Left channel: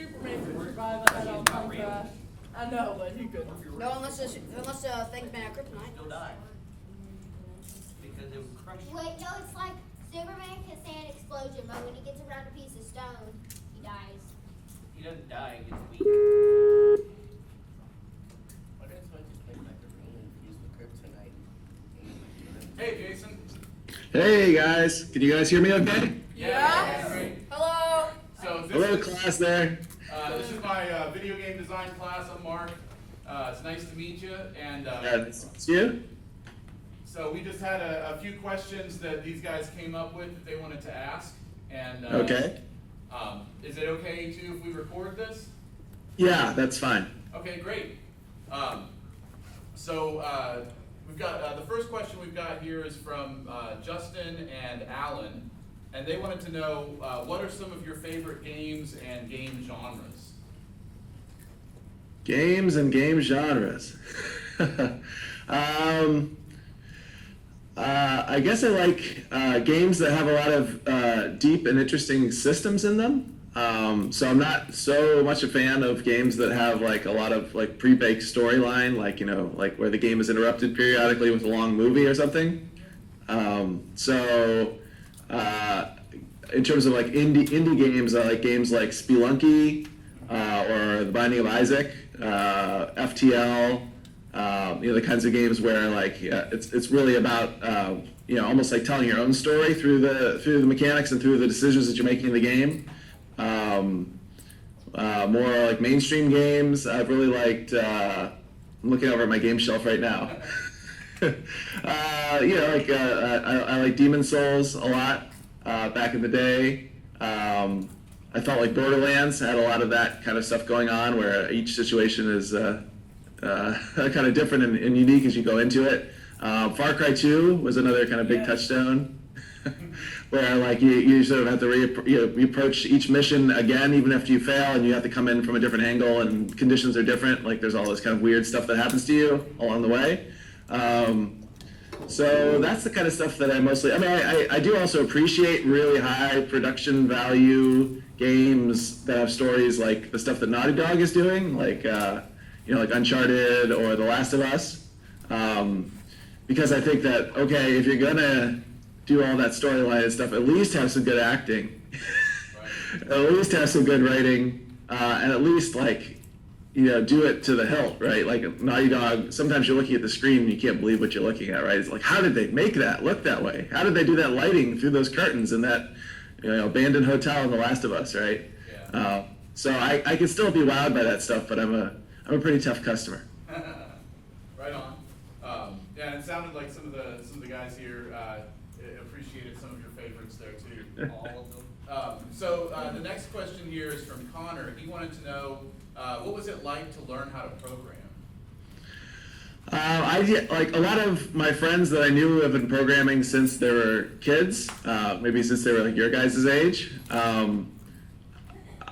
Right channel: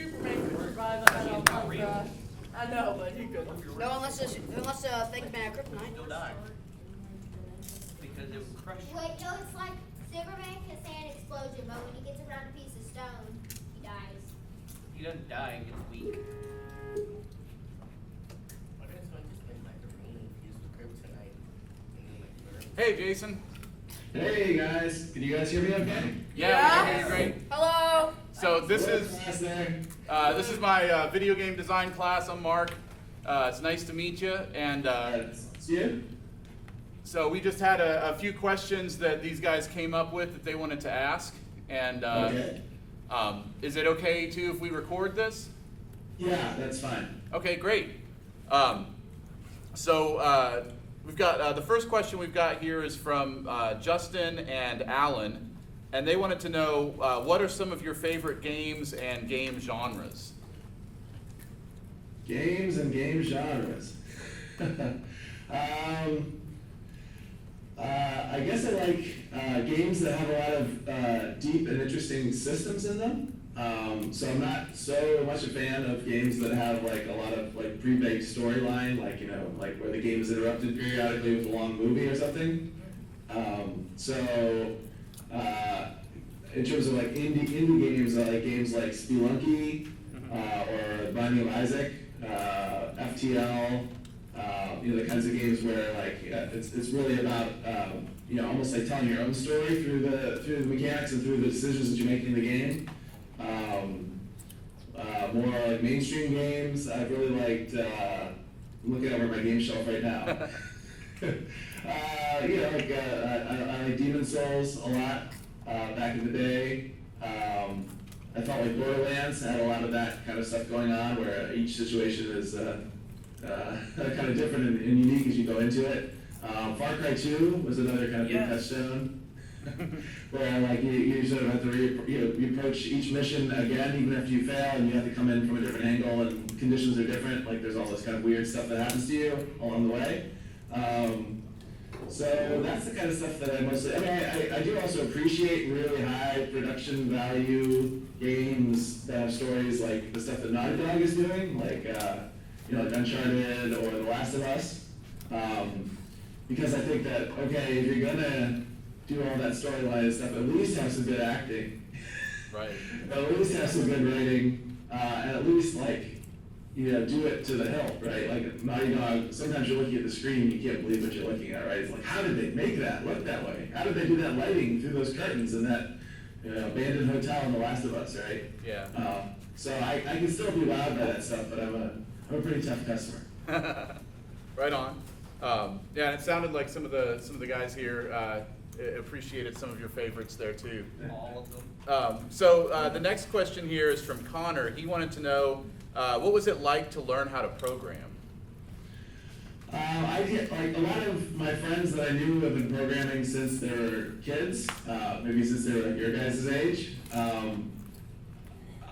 Superman could survive a head-on plane crash. I know, but he couldn't. No, unless things made out of kryptonite. He'll die. Because it will crush you. Wait, no, it's like Superman can say an explosion, but when he gets around a piece of stone, he dies. He doesn't die, he gets weak. Why don't I just make macaroni infused with kryptonite? Hey, Jason. Hey guys, can you guys hear me okay? Yeah, great. Hello. So this Hello is class there. this is my video game design class. I'm Mark. It's nice to meet you. And It's you? so we just had a few questions that these guys came up with that they wanted to ask. And Okay. Is it okay too if we record this? Yeah, that's fine. Okay, great. We've got the first question we've got here is from Justin and Alan, and they wanted to know what are some of your favorite games and game genres? Games and game genres. I guess I like games that have a lot of deep and interesting systems in them. So I'm not so much a fan of games that have like a lot of like pre-baked storyline, like like where the game is interrupted periodically with a long movie or something. In terms of like indie games, I like games like Spelunky or The Binding of Isaac, FTL. The kinds of games where like it's really about almost like telling your own story through the mechanics and through the decisions that you're making in the game. More like mainstream games. I've really liked. I'm looking over at my game shelf right now. I like Demon Souls a lot. Back in the day, I felt like Borderlands had a lot of that kind of stuff going on, where each situation is kind of different and unique as you go into it. Far Cry 2 was another kind of big touchstone. Where like you sort of have to you approach each mission again, even after you fail, and you have to come in from a different angle, and conditions are different. Like there's all this kind of weird stuff that happens to you along the way. So that's the kind of stuff that I mostly. I mean, I do also appreciate really high production value games that have stories like the stuff that Naughty Dog is doing, like like Uncharted or The Last of Us, because I think that okay, if you're gonna do all that storyline and stuff, at least have some good acting, Right. at least have some good writing, and at least do it to the hilt, right? Like Naughty Dog, sometimes you're looking at the screen and you can't believe what you're looking at, right? It's like, how did they make that look that way? How did they do that lighting through those curtains in that abandoned hotel in The Last of Us, right? Yeah. So I can still be wowed by that stuff, but I'm a pretty tough customer. Right on. Yeah, and it sounded like some of the guys here appreciated some of your favorites there too. All of them. The next question here is from Connor. He wanted to know what was it like to learn how to program? I did, like a lot of my friends that I knew have been programming since they were kids, maybe since they were like your guys' age.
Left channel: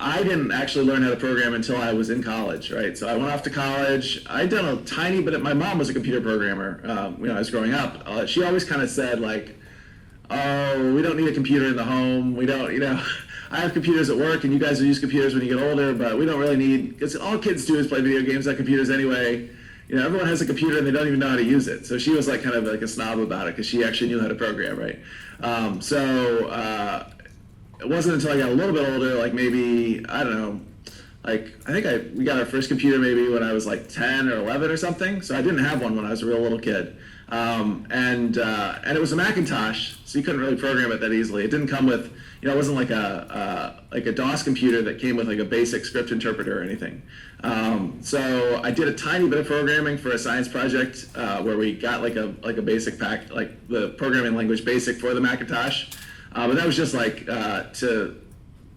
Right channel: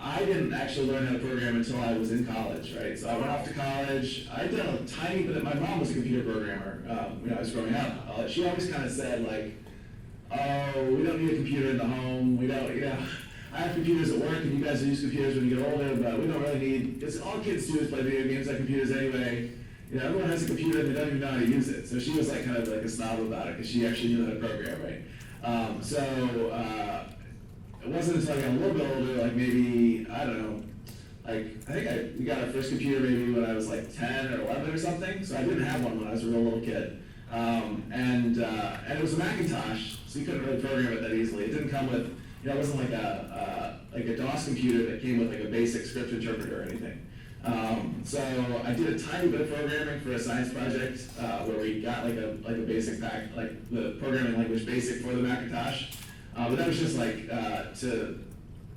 I didn't actually learn how to program until I was in college, right? So I went off to college. I'd done a tiny bit. My mom was a computer programmer when I was growing up. She always kind of said like, "Oh, we don't need a computer in the home. We don't, I have computers at work, and you guys will use computers when you get older, but we don't really need, because all kids do is play video games on computers anyway. Everyone has a computer and they don't even know how to use it." So she was like kind of like a snob about it because she actually knew how to program, right? It wasn't until I got a little bit older, like maybe, I don't know, like I think we got our first computer maybe when I was like 10 or 11 or something. So I didn't have one when I was a real little kid. And it was a Macintosh, so you couldn't really program it that easily. It didn't come with, it wasn't like a DOS computer that came with like a basic script interpreter or anything. So I did a tiny bit of programming for a science project where we got like a basic pack, like the programming language BASIC for the Macintosh. But that was just like to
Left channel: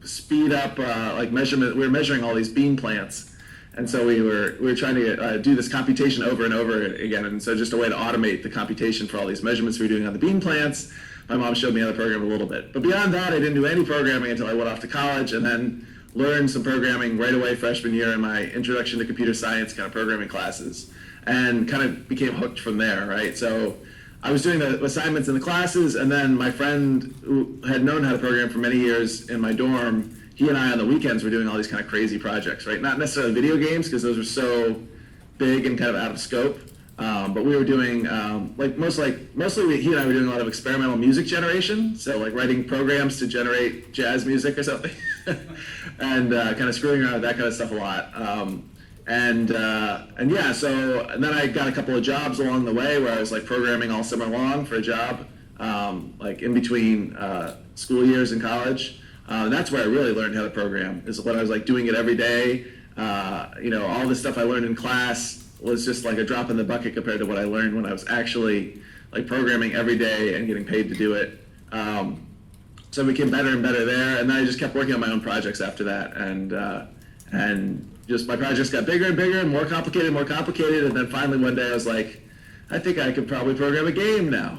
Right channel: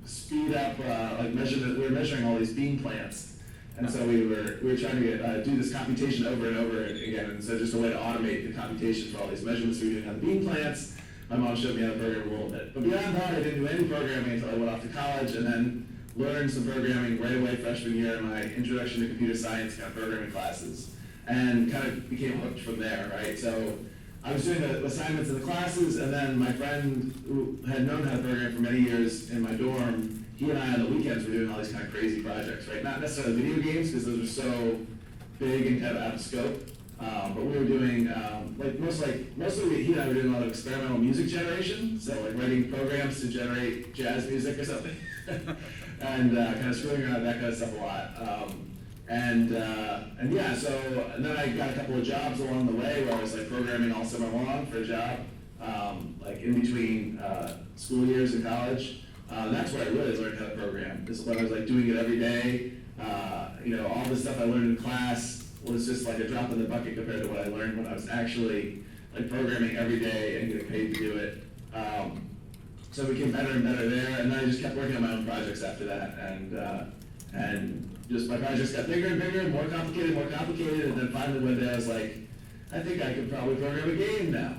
speed up like measurement. We were measuring all these bean plants, and so we were trying to do this computation over and over again. And so just a way to automate the computation for all these measurements we were doing on the bean plants. My mom showed me how to program a little bit, but beyond that, I didn't do any programming until I went off to college, and then learned some programming right away freshman year in my Introduction to Computer Science kind of programming classes, and kind of became hooked from there, right? So I was doing the assignments in the classes, and then my friend who had known how to program for many years in my dorm, he and I on the weekends were doing all these kind of crazy projects, right? Not necessarily video games, because those are so big and kind of out of scope. But we were doing, mostly he and I were doing a lot of experimental music generation, so like writing programs to generate jazz music or something, and kind of screwing around with that kind of stuff a lot. And then I got a couple of jobs along the way where I was like programming all summer long for a job, like in between school years in college. That's where I really learned how to program, is when I was like doing it every day. All the stuff I learned in class was just like a drop in the bucket compared to what I learned when I was actually like programming every day and getting paid to do it. So I became better and better there, and then I just kept working on my own projects after that, and just my projects got bigger and bigger, and more complicated, and then finally one day I was like, I think I could probably program a game now.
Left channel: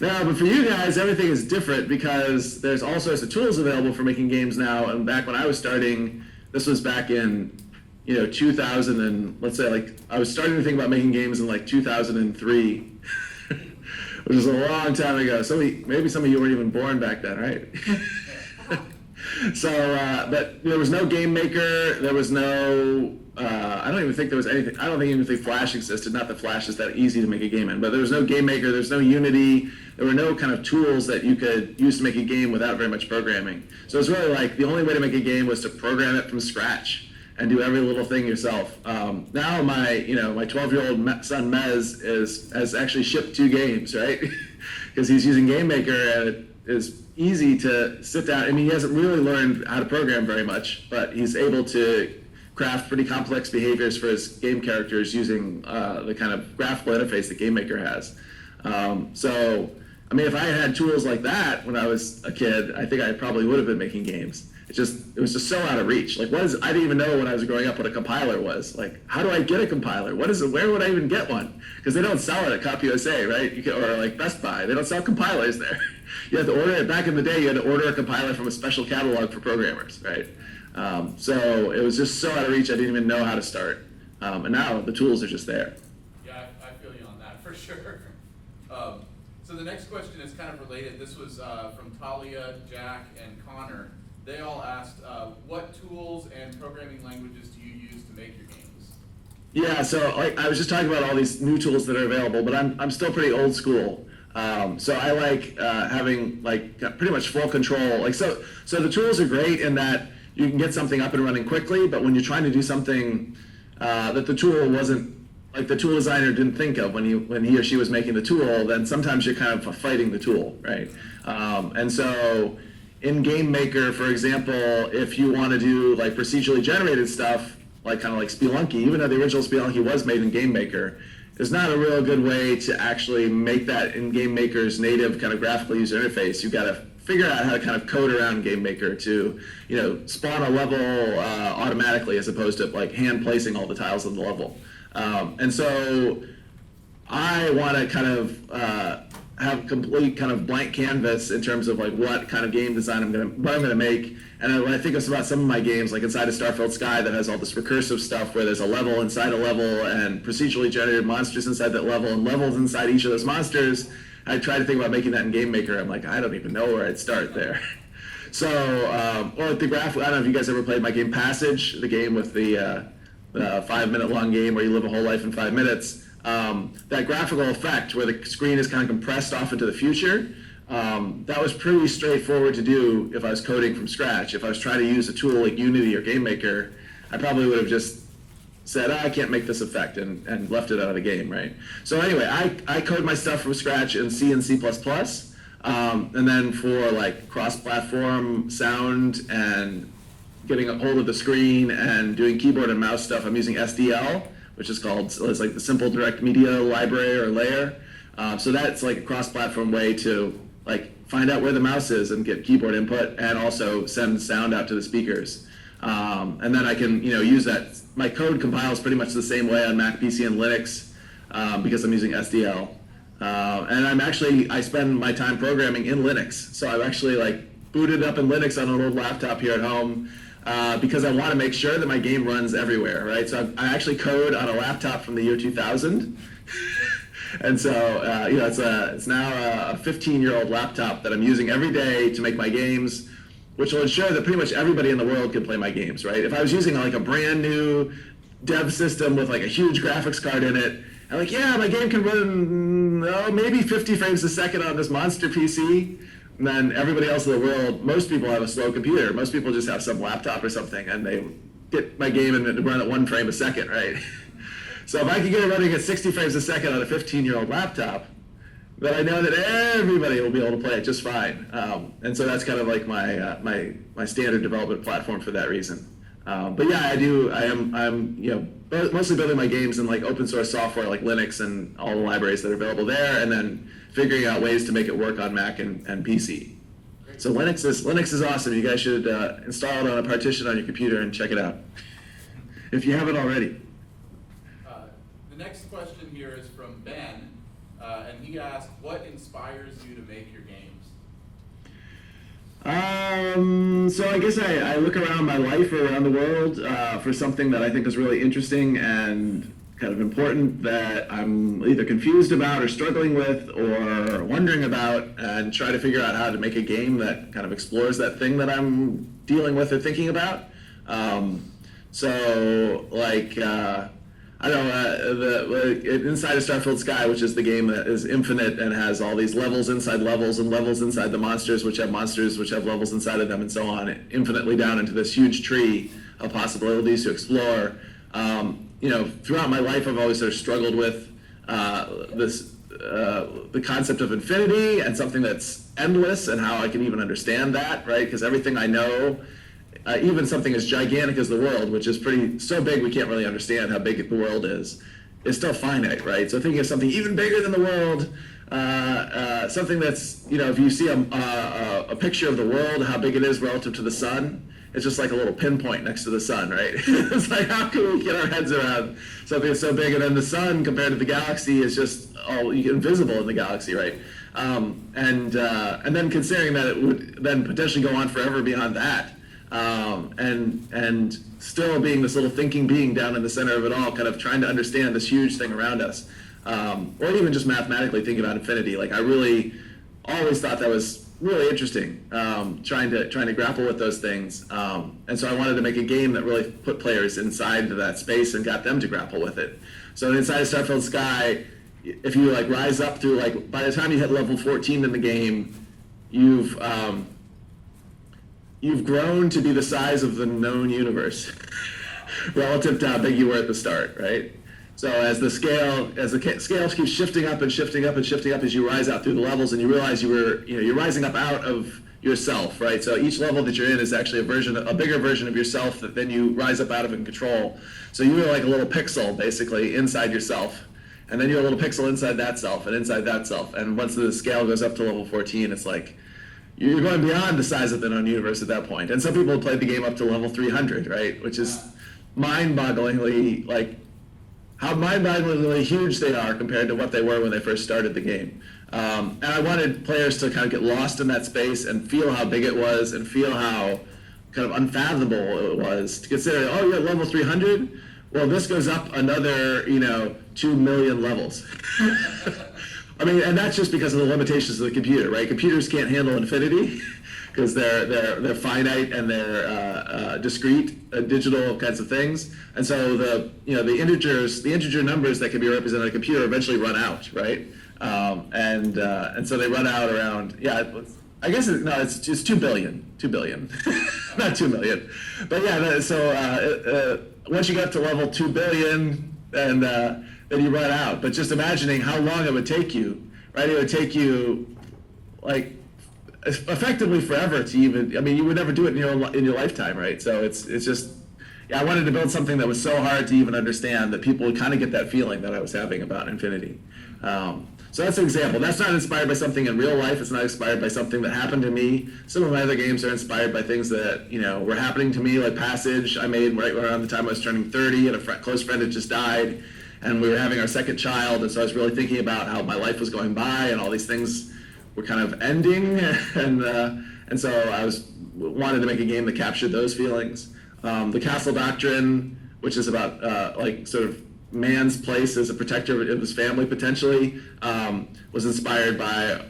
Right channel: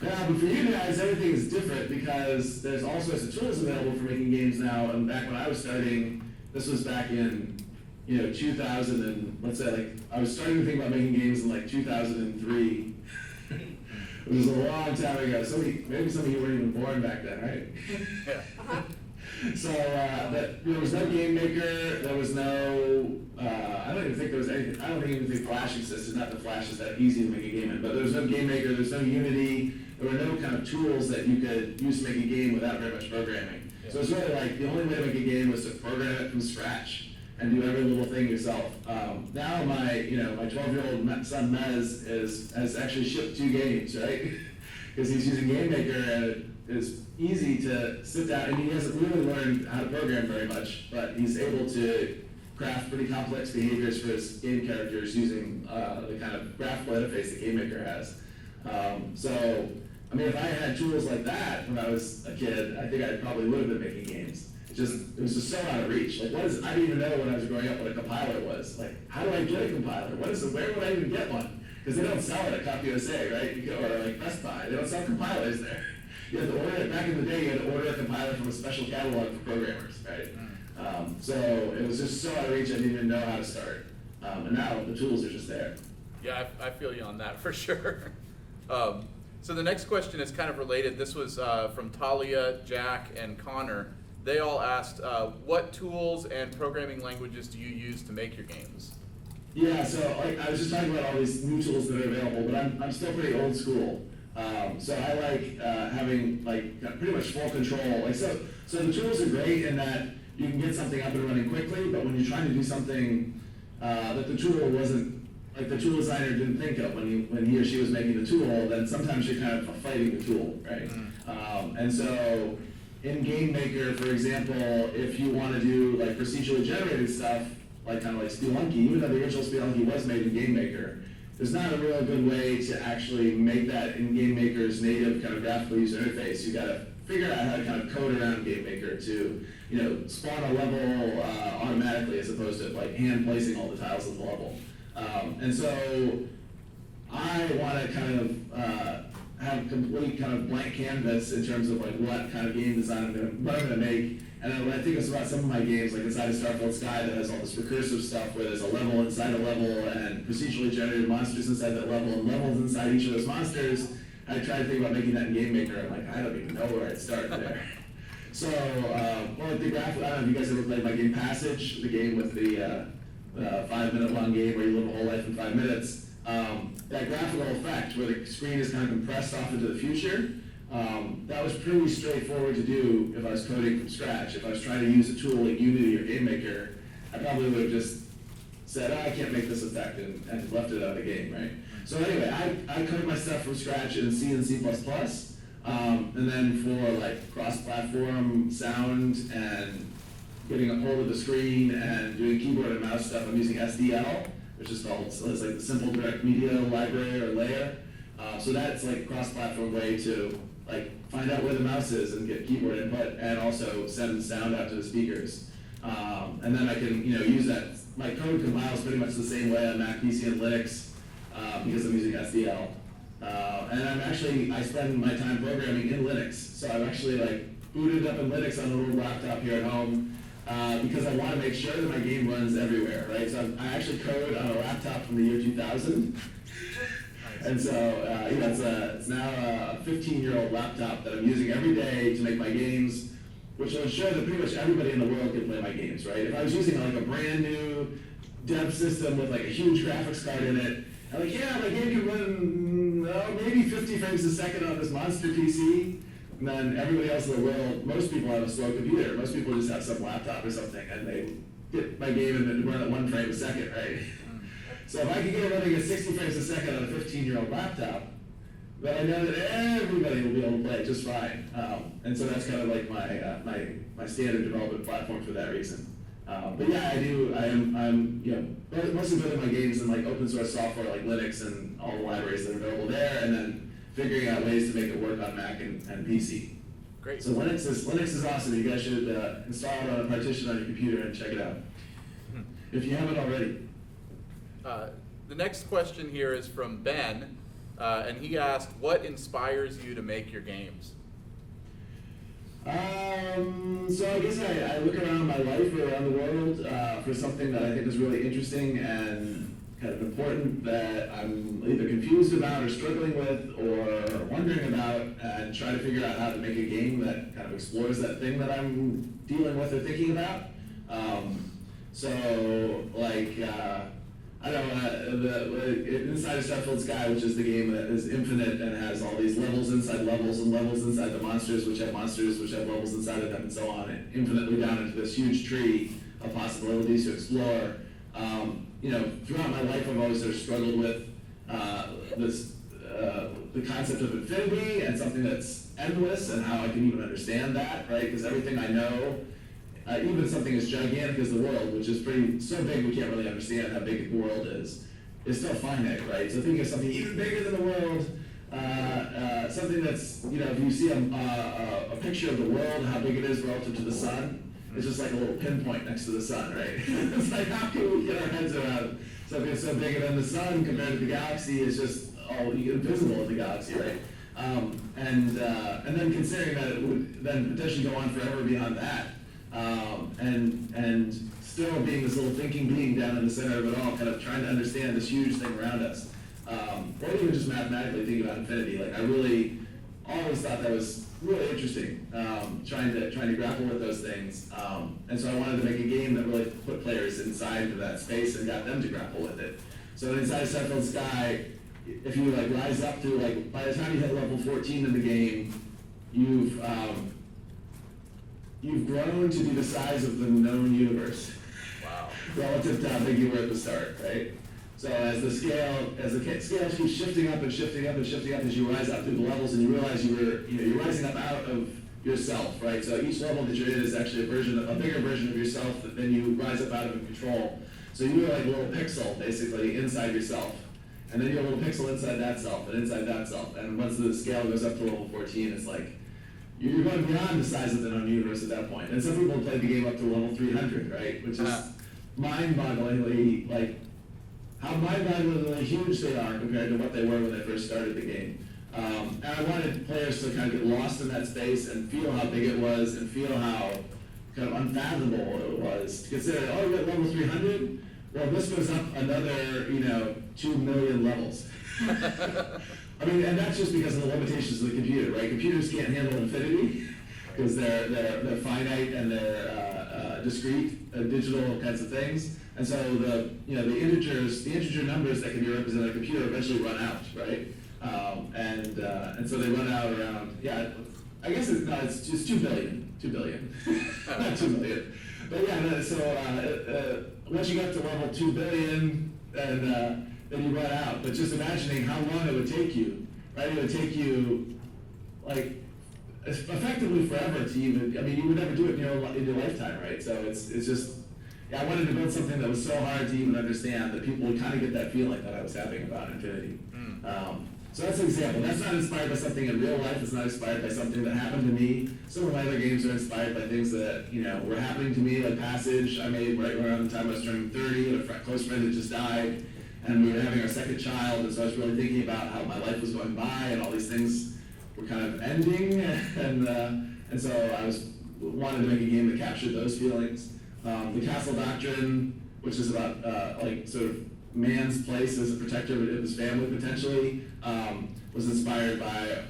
Now, but for you guys, everything is different because there's all sorts of tools available for making games now, and back when I was starting, this was back in 2000, and let's say like I was starting to think about making games in like 2003, which is a long time ago. Maybe some of you weren't even born back then, right? So, but there was no game maker. There was no. I don't even think there was anything. I don't even think Flash existed. Not that Flash is that easy to make a game in, but there was no game maker. There's no Unity. There were no kind of tools that you could use to make a game without very much programming. So it's really like the only way to make a game was to program it from scratch and do every little thing yourself. Now my 12-year-old son Mez has actually shipped 2 games, right? Because he's using Game Maker, and it is easy to sit down. I mean, he hasn't really learned how to program very much, but he's able to craft pretty complex behaviors for his game characters using the kind of graphical interface that Game Maker has. So, I mean, if I had tools like that when I was a kid, I think I probably would have been making games. It was just so out of reach. Like, I didn't even know when I was growing up what a compiler was. Like, how do I get a compiler? What is it? Where would I even get one? Because they don't sell it at CompUSA, right? Or like Best Buy. They don't sell compilers there. You had to order it. Back in the day, you had to order a compiler from a special catalog for programmers, right? So it was just so out of reach, I didn't even know how to start. And now the tools are just there. Yeah, I feel you on that for sure. So the next question is kind of related. This was from Talia, Jack, and Connor. They all asked, what tools and programming languages do you use to make your games? Yeah, so I was just talking about all these new tools that are available, but I'm still pretty old school. So I like having like pretty much full control. Like so the tools are great in that you can get something up and running quickly, but when you're trying to do something that the tool wasn't, like the tool designer didn't think of when he or she was making the tool, then sometimes you're kind of fighting the tool, right? And so in Game Maker, for example, if you want to do like procedurally generated stuff, like kind of like Spelunky, even though the original Spelunky was made in Game Maker, there's not a real good way to actually make that in Game Maker's native kind of graphical user interface. You've got to figure out how to kind of code around Game Maker to, spawn a level automatically as opposed to like hand placing all the tiles in the level. And so I want to kind of have complete kind of blank canvas in terms of like what kind of game design I'm gonna make. And when I think about some of my games, like inside of Starfield Sky, that has all this recursive stuff where there's a level inside a level and procedurally generated monsters inside that level and levels inside each of those monsters, I try to think about making that in Game Maker. I'm like, I don't even know where I'd start there. So, or like the graph, I don't know if you guys ever played my game Passage, the game with the 5-minute long game where you live a whole life in 5 minutes. That graphical effect where the screen is kind of compressed off into the future, that was pretty straightforward to do if I was coding from scratch. If I was trying to use a tool like Unity or Game Maker, I probably would have just said, I can't make this effect and left it out of the game, right? So anyway, I code my stuff from scratch in C and C++, and then for like cross-platform sound and getting a hold of the screen and doing keyboard and mouse stuff, I'm using SDL, which is called, so it's like the Simple Direct Media Library or layer. So that's like a cross-platform way to like find out where the mouse is and get keyboard input and also send sound out to the speakers. And then I can use that. My code compiles pretty much the same way on Mac, PC, and Linux because I'm using SDL. And I spend my time programming in Linux. So I've actually like booted up in Linux on an old laptop here at home because I want to make sure that my game runs everywhere, right? So I actually code on a laptop from the year 2000. And so, it's now a 15-year-old laptop that I'm using every day to make my games. which will ensure that pretty much everybody in the world can play my games, right? If I was using like a brand new dev system with like a huge graphics card in it, I'm like, yeah, my game can run maybe 50 frames a second on this monster PC. And then everybody else in the world, most people have a slow computer. Most people just have some laptop or something, and they get my game and run at 1 frame a second, right? So if I can get it running at 60 frames a second on a 15-year-old laptop, then I know that everybody will be able to play it just fine. And so that's kind of like my standard development platform for that reason. But yeah, I'm mostly building my games in like open source software like Linux and all the libraries that are available there, and then figuring out ways to make it work on Mac and PC. Great. So Linux is awesome. You guys should install it on a partition on your computer and check it out if you haven't already. The next question here is from Ben, and he asked, what inspires you to make your games? So I guess I look around my life or around the world for something that I think is really interesting and kind of important that I'm either confused about or struggling with or wondering about, and try to figure out how to make a game that kind of explores that thing that I'm dealing with or thinking about. So like, I don't know, inside of Starfield Sky, which is the game that is infinite and has all these levels inside levels and levels inside the monsters which have levels inside of them and so on, infinitely down into this huge tree of possibilities to explore. Throughout my life, I've always sort of struggled with the concept of infinity and something that's endless and how I can even understand that, right? Because everything I know, even something as gigantic as the world, which is so big we can't really understand how big the world is still finite, right? So thinking of something even bigger than the world, something that's, if you see a picture of the world, how big it is relative to the sun, it's just like a little pinpoint next to the sun, right? It's like, how can we get our heads around something that's so big, and then the sun compared to the galaxy is just invisible in the galaxy, right? And then considering that it would then potentially go on forever beyond that, and still being this little thinking being down in the center of it all, kind of trying to understand this huge thing around us, or even just mathematically thinking about infinity. Like, I really always thought that was really interesting, trying to grapple with those things, and so I wanted to make a game that really put players inside that space and got them to grapple with it. So inside of Starfield Sky, if you like rise up through, like, by the time you hit level 14 in the game, you've grown to be the size of the known universe relative to how big you were at the start, right? So as the scale keeps shifting up and shifting up and shifting up as you rise out through the levels, and you realize you're rising up out of yourself, right? So each level that you're in is actually a bigger version of yourself that then you rise up out of and control. So you are like a little pixel basically inside yourself, and then you're a little pixel inside that self and inside that self. And once the scale goes up to level 14, it's like you're going beyond the size of the known universe at that point. And some people have played the game up to level 300, right? Which is mind-bogglingly, like, how mind-bogglingly huge they are compared to what they were when they first started the game. And I wanted players to kind of get lost in that space and feel how big it was and feel how kind of unfathomable it was to consider, oh, you're at level 300? Well, this goes up another, 2 million levels. I mean, and that's just because of the limitations of the computer, right? Computers can't handle infinity because they're finite and they're discrete, digital kinds of things. And so the integer numbers that can be represented on a computer eventually run out, right? And so they run out around, I guess it's just 2 billion, not 2 million. But yeah, so once you get to level 2 billion, and then you run out. But just imagining how long it would take you, right? It would take you, like, effectively forever to even, you would never do it in your lifetime, right? So it's just, I wanted to build something that was so hard to even understand that people would kind of get that feeling that I was having about infinity. So that's an example. That's not inspired by something in real life. It's not inspired by something that happened to me. Some of my other games are inspired by things that, were happening to me, like Passage I made right around the time I was turning 30, and a close friend had just died, and we were having our second child, and so I was really thinking about how my life was going by, and all these things were kind of ending, and so I wanted to make a game that captured those feelings. The Castle Doctrine, which is about sort of man's place as a protector of his family potentially was inspired by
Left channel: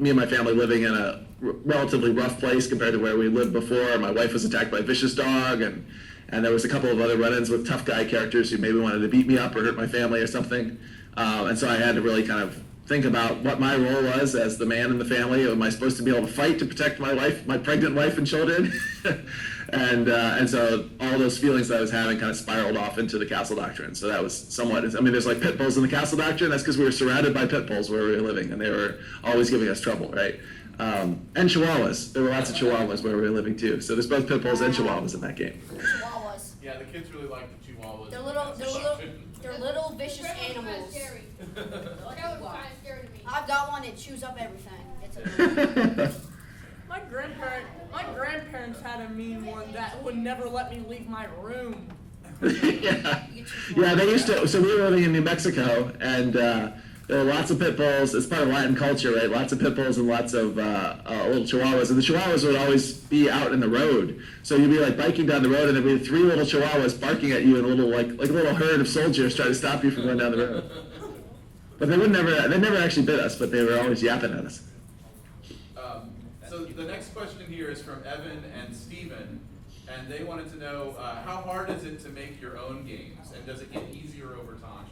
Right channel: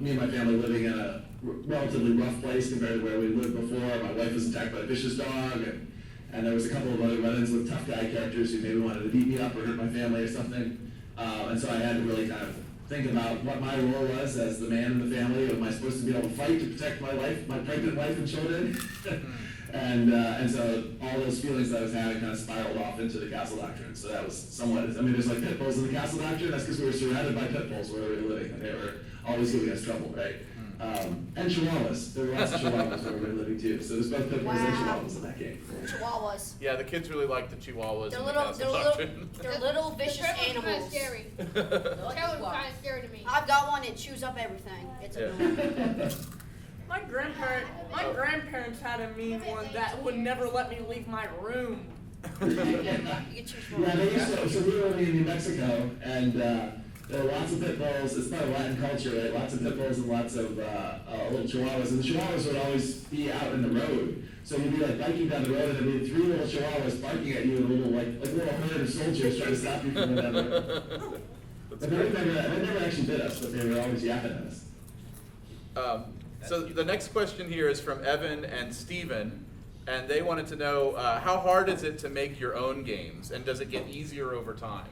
me and my family living in a relatively rough place compared to where we lived before. My wife was attacked by a vicious dog, and there was a couple of other run-ins with tough guy characters who maybe wanted to beat me up or hurt my family or something. And so I had to really kind of think about what my role was as the man in the family. Am I supposed to be able to fight to protect my wife, my pregnant wife and children? And so all those feelings that I was having kind of spiraled off into the castle doctrine. So that was somewhat, I mean, there's like pit bulls in the castle doctrine. That's because we were surrounded by pit bulls where we were living, and they were always giving us trouble, right? And chihuahuas. There were lots of chihuahuas where we were living too. So there's both pit bulls and chihuahuas in that game. Chihuahuas. Yeah, the kids really like the chihuahuas. They're in the little, Castle they're little, Doctrine. they're little vicious The turtle's kinda animals. scary. They're The like turtle's chihuahuas. kind of scary to me. I've got one that chews up everything. It's Yeah. My grandparents had a mean one that would never let me leave my room. Yeah, they used to. So we were living in New Mexico, and there were lots of pit bulls. It's part of Latin culture, right? Lots of pit bulls and lots of little chihuahuas. And the chihuahuas would always be out in the road. So you'd be like biking down the road, and there'd be 3 little chihuahuas barking at you, and a little like a little herd of soldiers trying to stop you from going down the road. But they never actually bit us, but they were always yapping at us. So the next question here is from Evan and Steven, and they wanted to know how hard is it to make your own games, and does it get easier over time?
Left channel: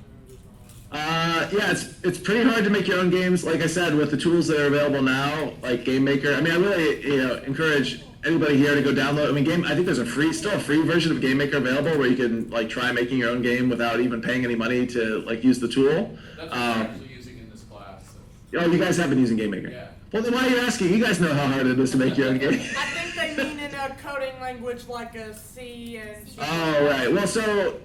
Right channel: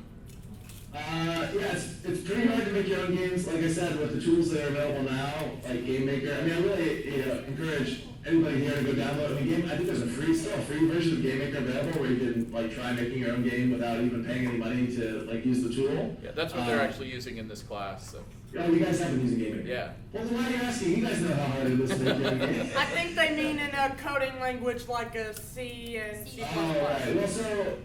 Yeah, it's pretty hard to make your own games. Like I said, with the tools that are available now, like Game Maker. I mean, I really encourage anybody here to go download. I mean, I think there's still a free version of Game Maker available where you can like try making your own game without even paying any money to like use the tool. Yeah, that's what we're actually using in this class. So. Oh, you guys have been using Game Maker? Yeah. Well, then why are you asking? You guys know how hard it is to make your own game. I think they mean in a coding language like a C and C++. Oh, right. Well, so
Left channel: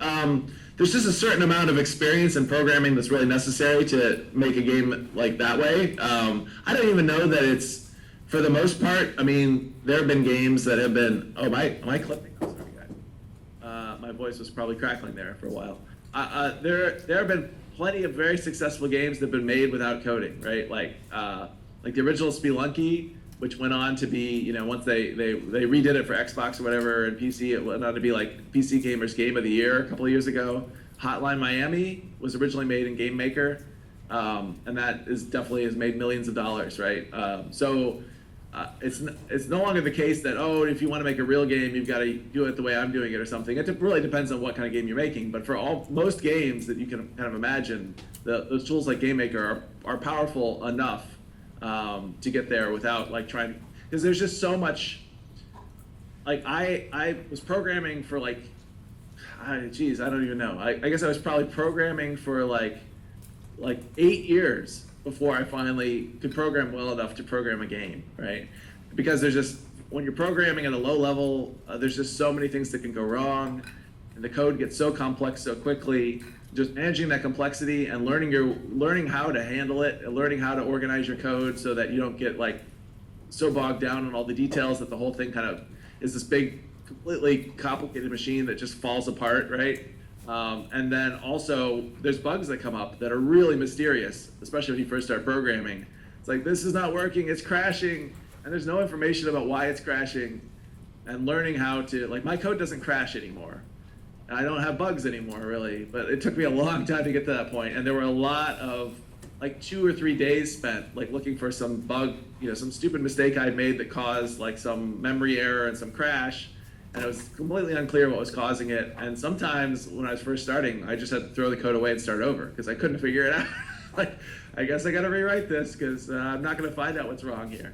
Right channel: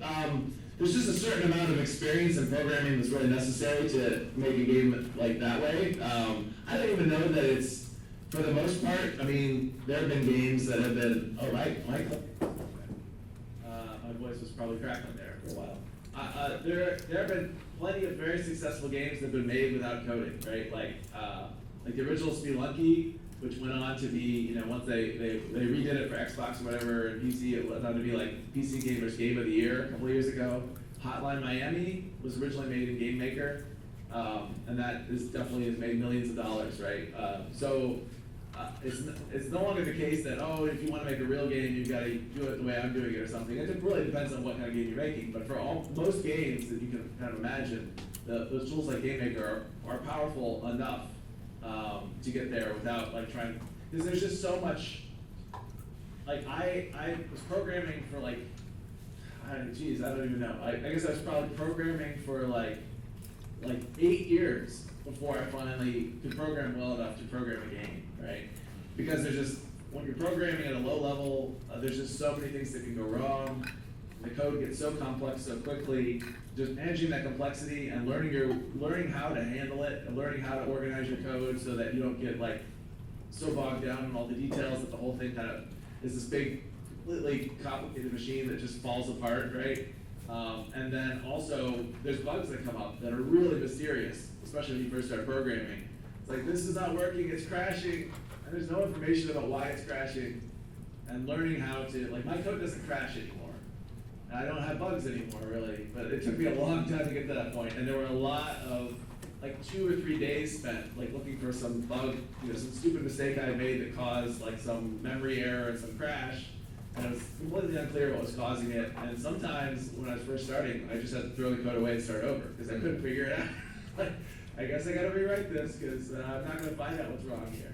there's just a certain amount of experience in programming that's really necessary to make a game like that way. I don't even know that it's, for the most part, I mean, there have been games that have been, am I clipping? My voice was probably crackling there for a while. There have been plenty of very successful games that have been made without coding, right? Like the original Spelunky, which went on to be, once they redid it for Xbox or whatever and PC, it went on to be like PC Gamer's Game of the Year a couple of years ago. Hotline Miami was originally made in Game Maker, and that definitely has made millions of dollars, right? It's no longer the case that, if you want to make a real game, you've got to do it the way I'm doing it or something. It really depends on what kind of game you're making. But for most games that you can kind of imagine, those tools like Game Maker are powerful enough to get there without like trying, because there's just so much. Like I was programming for I don't even know. I guess I was probably programming for like 8 years before I finally could program well enough to program a game, right? Because when you're programming at a low level, there's just so many things that can go wrong, and the code gets so complex so quickly. Just managing that complexity and learning how to handle it, and learning how to organize your code so that you don't get like so bogged down in all the details that the whole thing kind of is this big, completely complicated machine that just falls apart, right? And then also, there's bugs that come up that are really mysterious, especially when you first start programming. It's like, this is not working, it's crashing, and there's no information about why it's crashing. And learning how to, like, my code doesn't crash anymore. And I don't have bugs anymore, really, but it took me a long time to get to that point. And there were a lot of, like 2 or 3 days spent, like looking for some bug, some stupid mistake I'd made that caused like some memory error and some crash. And it was completely unclear what was causing it. And sometimes when I was first starting, I just had to throw the code away and start over because I couldn't figure it out. Like, I guess I gotta rewrite this because I'm not gonna find out what's wrong here.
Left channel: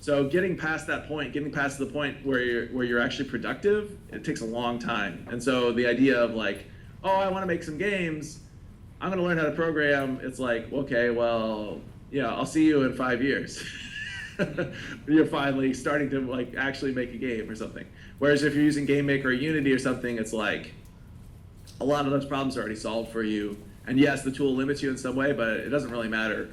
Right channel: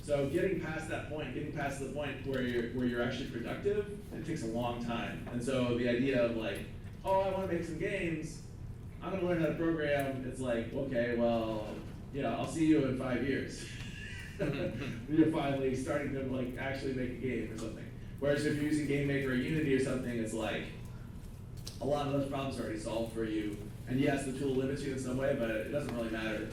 So getting past that point, getting past the point where you're actually productive, it takes a long time. And so the idea of like, I wanna make some games, I'm gonna learn how to program, it's like, okay, well, I'll see you in 5 years. You're finally starting to like actually make a game or something. Whereas if you're using Game Maker or Unity or something, it's like a lot of those problems are already solved for you. And yes, the tool limits you in some way, but it doesn't really matter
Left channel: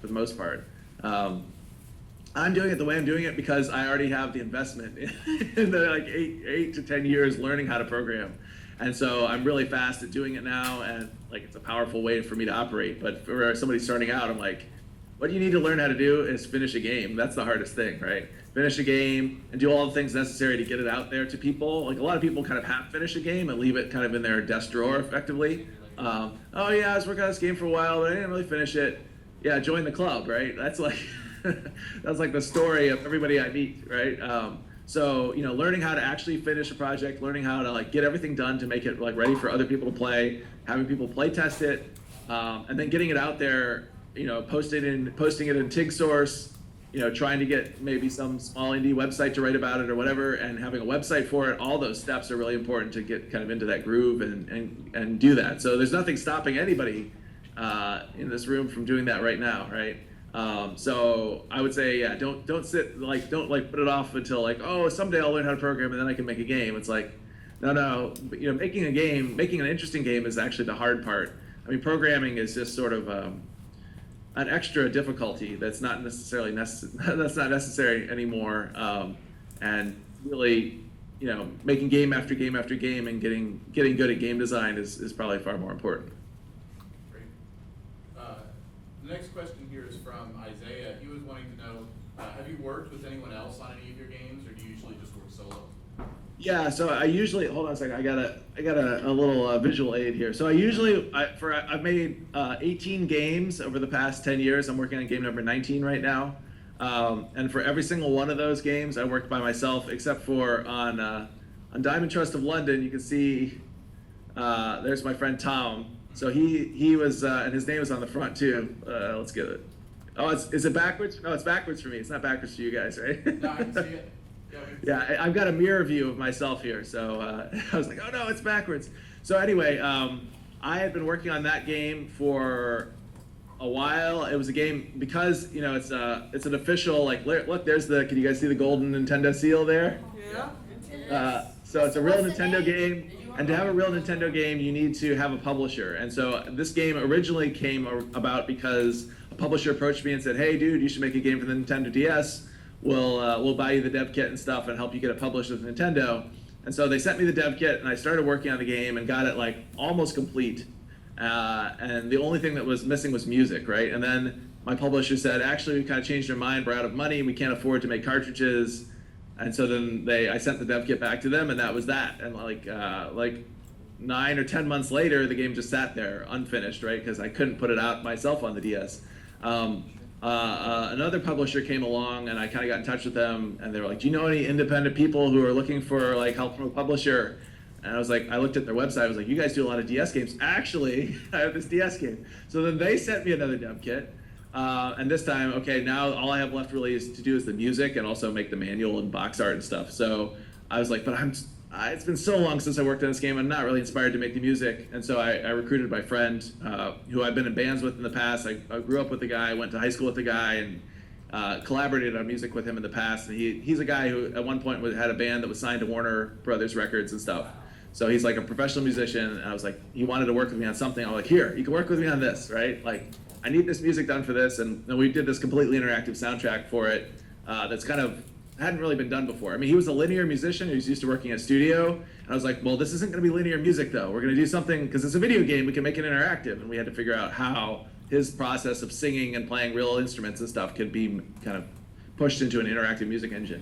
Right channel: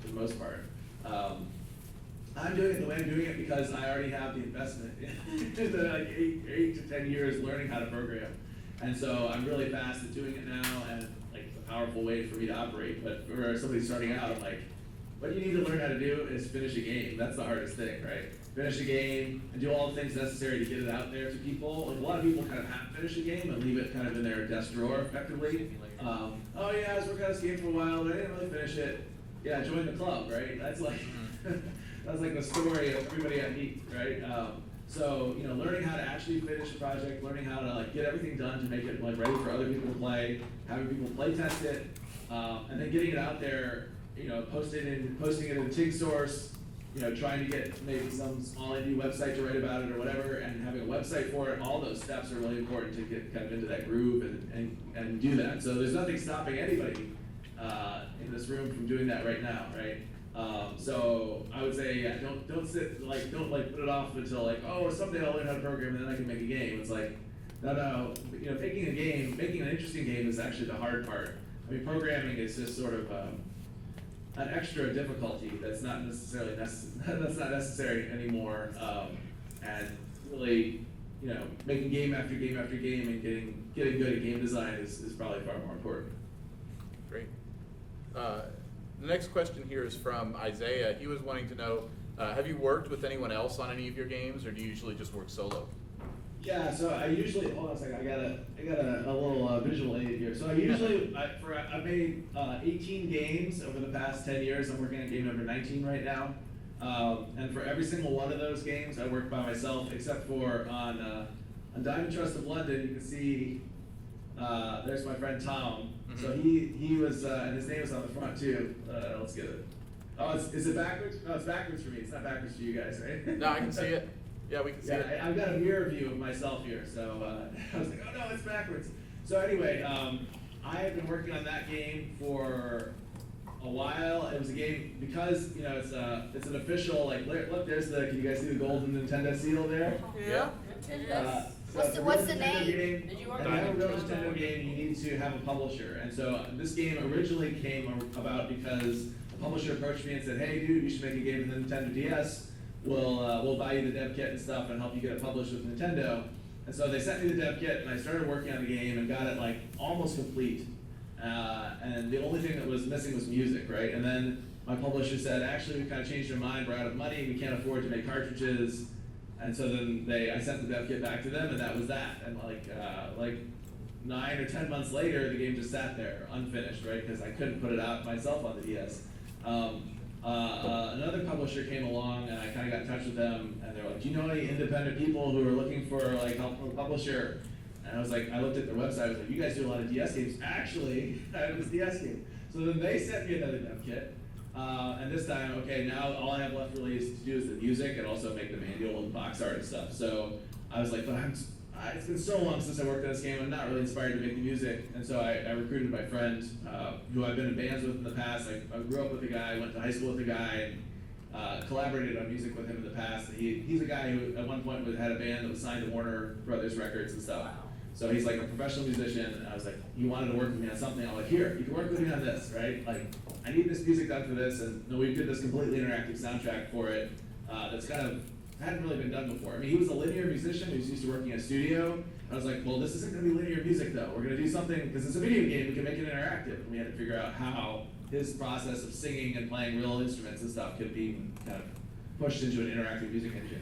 for the most part. I'm doing it the way I'm doing it because I already have the investment in the like 8 to 10 years learning how to program. And so I'm really fast at doing it now, and like it's a powerful way for me to operate. But for somebody starting out, I'm like, what you need to learn how to do is finish a game. That's the hardest thing, right? Finish a game and do all the things necessary to get it out there to people. Like a lot of people kind of half finish a game and leave it kind of in their desk drawer effectively. Oh yeah, I was working on this game for a while, but I didn't really finish it. Yeah, join the club, right? That's like that's like the story of everybody I meet, right? So learning how to actually finish a project, learning how to like get everything done to make it like ready for other people to play, having people play test it, and then getting it out there. Posting it in TIG source. Trying to get maybe some small indie website to write about it or whatever, and having a website for it. All those steps are really important to get kind of into that groove and do that. So there's nothing stopping anybody in this room from doing that right now, right? So I would say, yeah, don't put it off until like, oh, someday I'll learn how to program and then I can make a game. It's like, no, making an interesting game is actually the hard part. I mean, programming is just sort of an extra difficulty that's not necessarily necessary anymore, and really, making game after game after game and getting good at game design is probably far more important. Great. The next question here is from Isaiah. He was wanting to know, have you worked with anyone else on any of your games, or do you usually just work solo? Yeah, so I usually, hold on a second, I got a little visual aid here. So I've made 18 games over the past 10 years. I'm working on game number 19 right now. And for every single one of those games, I worked by myself, except for on Diamond Trust of London. You can see, there's my friend Tom. So he was, and his name is on the front too. Let's get it. Oh, is it backwards? No, it's backwards for me. It's not backwards for you guys, right? No, I can see it. Yeah, we can see it. I've got a mirror view of myself here, so I was like, oh no, it's backwards. So anyway, I had been working on that game for a while. It was a game because it's an official look. There's can you guys see the golden Nintendo seal there? Yeah. So it's a real What's the Nintendo name? game, and to have a real Nintendo game, you need to have a publisher. And so this game originally came about because a publisher approached me and said, hey dude, you should make a game for the Nintendo DS. We'll buy you the dev kit and stuff and help you get it published with Nintendo. And so they sent me the dev kit and I started working on the game and got it like almost complete. And the only thing that was missing was music, right? And then my publisher said, actually, we kind of changed our mind, we're out of money, we can't afford to make cartridges. And so then I sent the dev kit back to them and that was that. And like 9 or 10 months later, the game just sat there unfinished, right? Because I couldn't put it out myself on the DS. Another publisher came along and I kind of got in touch with them and they were like, do you know any independent people who are looking for like help from a publisher? And I was like, I looked at their website, I was like, you guys do a lot of DS games. Actually, I have this DS game. So then they sent me another dev kit. And this time, okay, now all I have left really is to do is the music and also make the manual and box art and stuff. So I was like, but it's been so long since I worked on this game, I'm not really inspired to make the music. And so I recruited my friend, who I've been in bands with in the past. I grew up with the guy, went to high school with the guy, and collaborated on music with him in the past. He's a guy who at one point had a band that was signed to Warner Brothers Records and stuff. So he's like a professional musician, and I was like, he wanted to work with me on something. I was like, here, you can work with me on this, right? Like, I need this music done for this, and we did this completely interactive soundtrack for it that's kind of hadn't really been done before. I mean, he was a linear musician who's used to working at a studio, and I was like, well, this isn't going to be linear music though. We're going to do something, because it's a video game, we can make it interactive, and we had to figure out how his process of singing and playing real instruments and stuff could be kind of pushed into an interactive music engine.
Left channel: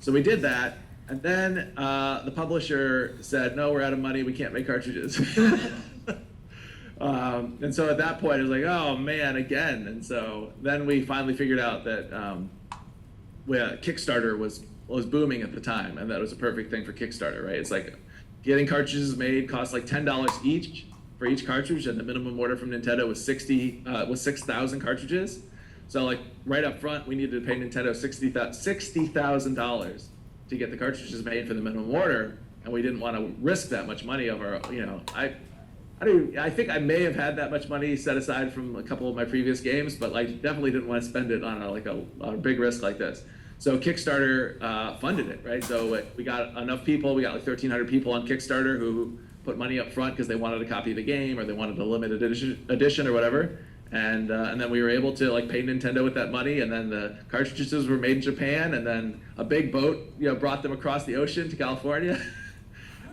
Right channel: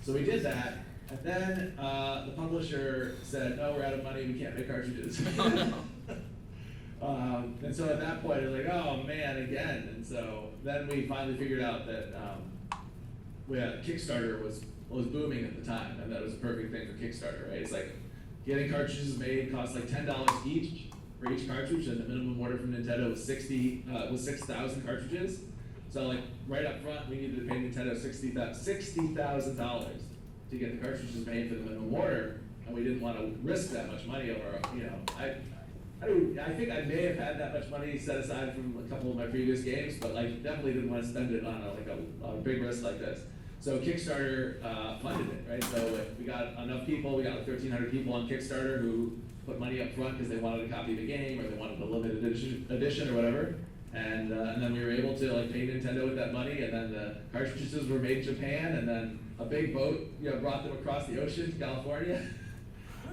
So we did that. And then the publisher said, no, we're out of money, we can't make cartridges. And so at that point, it was like, oh man, again. And so then we finally figured out that Kickstarter was booming at the time, and that was a perfect thing for Kickstarter, right? It's like getting cartridges made costs like $10 each for each cartridge, and the minimum order from Nintendo was 6,000 cartridges. So like right up front, we needed to pay Nintendo $60,000 to get the cartridges made for the minimum order, and we didn't want to risk that much money over, I think I may have had that much money set aside from a couple of my previous games, but like definitely didn't want to spend it on a big risk like this. So Kickstarter funded it, right? So we got enough people, we got like 1,300 people on Kickstarter who put money up front because they wanted a copy of the game or they wanted a limited edition or whatever. And then we were able to like pay Nintendo with that money, and then the cartridges were made in Japan, and then a big boat brought them across the ocean to California.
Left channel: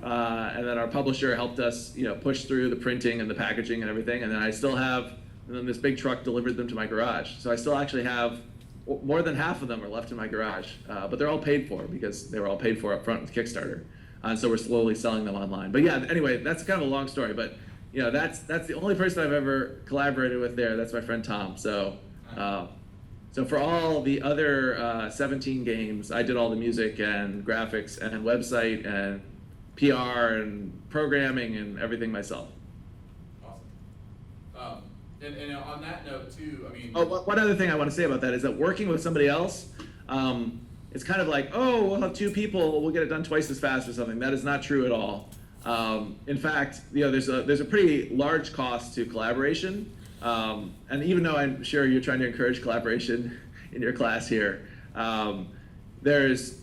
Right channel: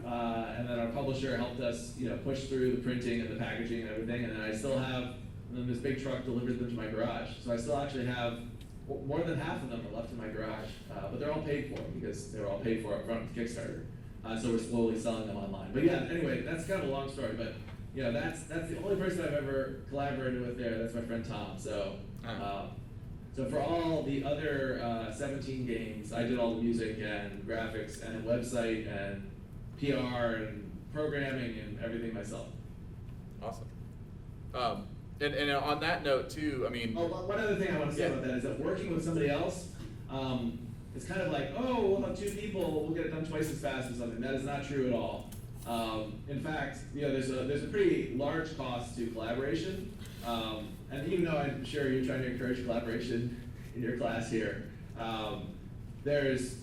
And then our publisher helped us push through the printing and the packaging and everything. And then I still have and then this big truck delivered them to my garage. So I still actually have, more than half of them are left in my garage, but they're all paid for because they were all paid for up front with Kickstarter. So we're slowly selling them online. But yeah, anyway, that's kind of a long story, but you know, that's the only person I've ever collaborated with there. That's my friend Tom. So, so for all the other 17 games, I did all the music and graphics and website and PR and programming and everything myself. Awesome. And on that note too, I mean. Oh, one other thing I want to say about that is that working with somebody else, it's kind of like, oh, we'll have 2 people, we'll get it done twice as fast or something. That is not true at all. In fact, you know, there's a pretty large cost to collaboration, and even though I'm sure you're trying to encourage collaboration in your class here, there's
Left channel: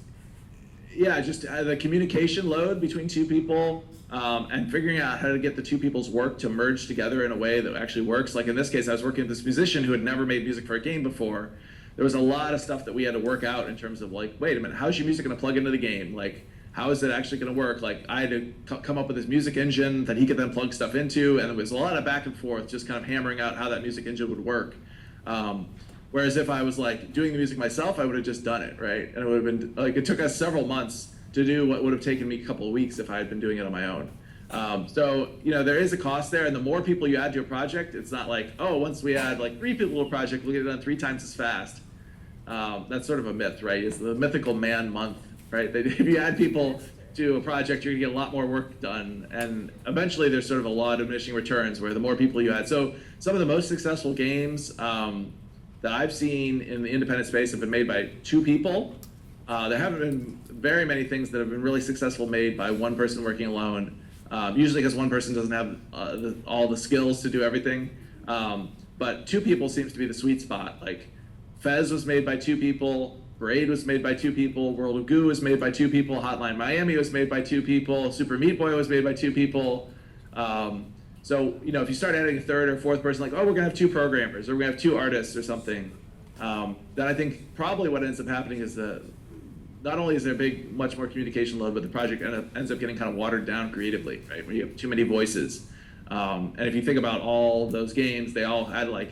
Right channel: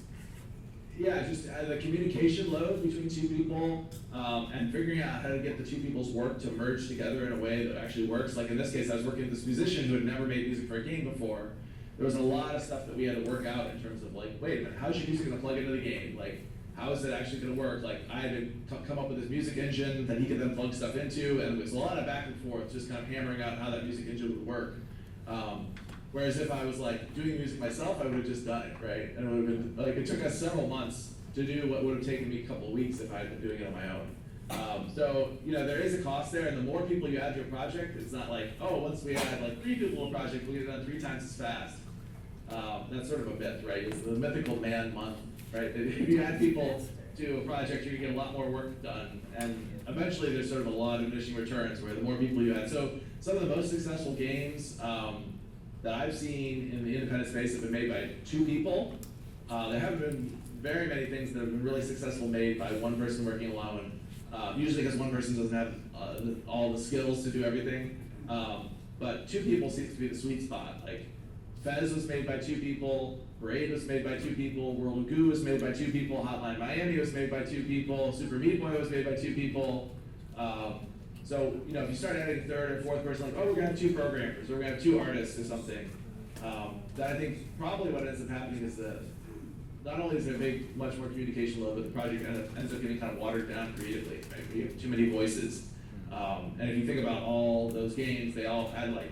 just the communication load between 2 people, and figuring out how to get the 2 people's work to merge together in a way that actually works. Like in this case, I was working with this musician who had never made music for a game before. There was a lot of stuff that we had to work out in terms of like, wait a minute, how's your music gonna plug into the game? Like, how is it actually gonna work? Like, I had to come up with this music engine that he could then plug stuff into, and it was a lot of back and forth, just kind of hammering out how that music engine would work. Whereas if I was like doing the music myself, I would have just done it, right? And it would have been, like, it took us several months to do what would have taken me a couple of weeks if I had been doing it on my own. So, you know, there is a cost there, and the more people you add to a project, it's not like, oh, once we add like 3 people to a project, we'll get it done 3 times as fast. That's sort of a myth, right? It's the mythical man month, right? If you add people to a project, you're gonna get a lot more work done, and eventually there's sort of a law of diminishing returns where the more people you add. So some of the most successful games that I've seen in the independent space have been made by 2 people. There haven't been very many things that have been really successful made by one person working alone, usually because one person doesn't have all the skills to do everything. But 2 people seems to be the sweet spot. Like Fez was made by 2 people, Braid was made by 2 people, World of Goo was made by 2 people, Hotline Miami was made by 2 people, Super Meat Boy was made by 2 people. So, you know, if you start adding a 3rd or 4th person, like, oh, we're gonna have 2 programmers, or we're gonna have 2 artists or something, then I think probably what ends up happening is not only is there much more communication load, but the project ends up getting kind of watered down creatively, right? Where you have too many voices. And if you think about all those games, they all had like,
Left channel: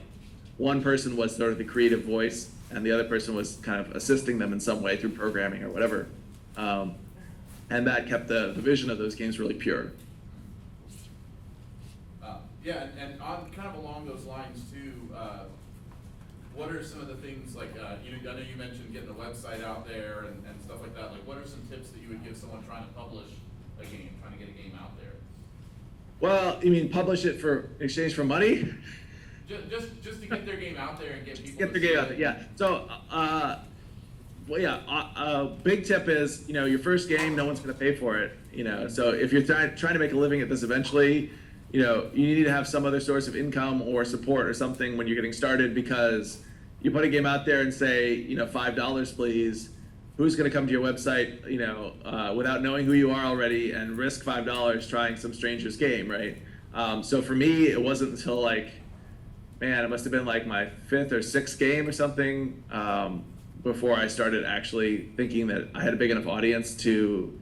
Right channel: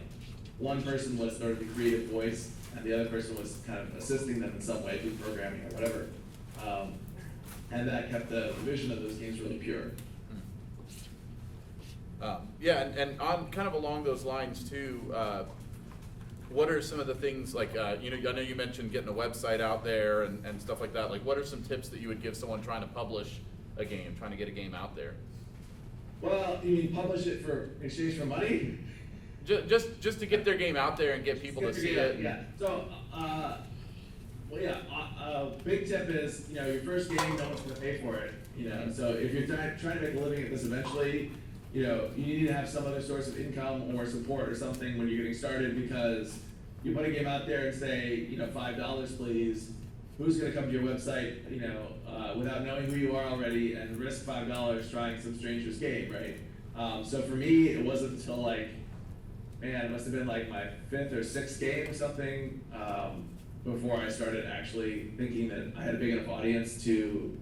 one person was sort of the creative voice, and the other person was kind of assisting them in some way through programming or whatever. And that kept the vision of those games really pure. Yeah, and on kind of along those lines too, what are some of the things like, you know, I know you mentioned getting a website out there and stuff like that. Like, what are some tips that you would give someone trying to publish a game, trying to get a game out there? Well, you mean publish it for exchange for money? Just to get their game out there and get people to see it. Yeah. So, well, yeah. A big tip is, you know, your first game, no one's going to pay for it. You know, so if you're trying to make a living at this eventually, you know, you need to have some other source of income or support or something when you're getting started, because you put a game out there and say, you know, $5 please. Who's going to come to your website, you know, without knowing who you are already and risk $5 trying some stranger's game, right? So for me, it wasn't until like, man, it must have been like my 5th or 6th game or something before I started actually thinking that I had a big enough audience to,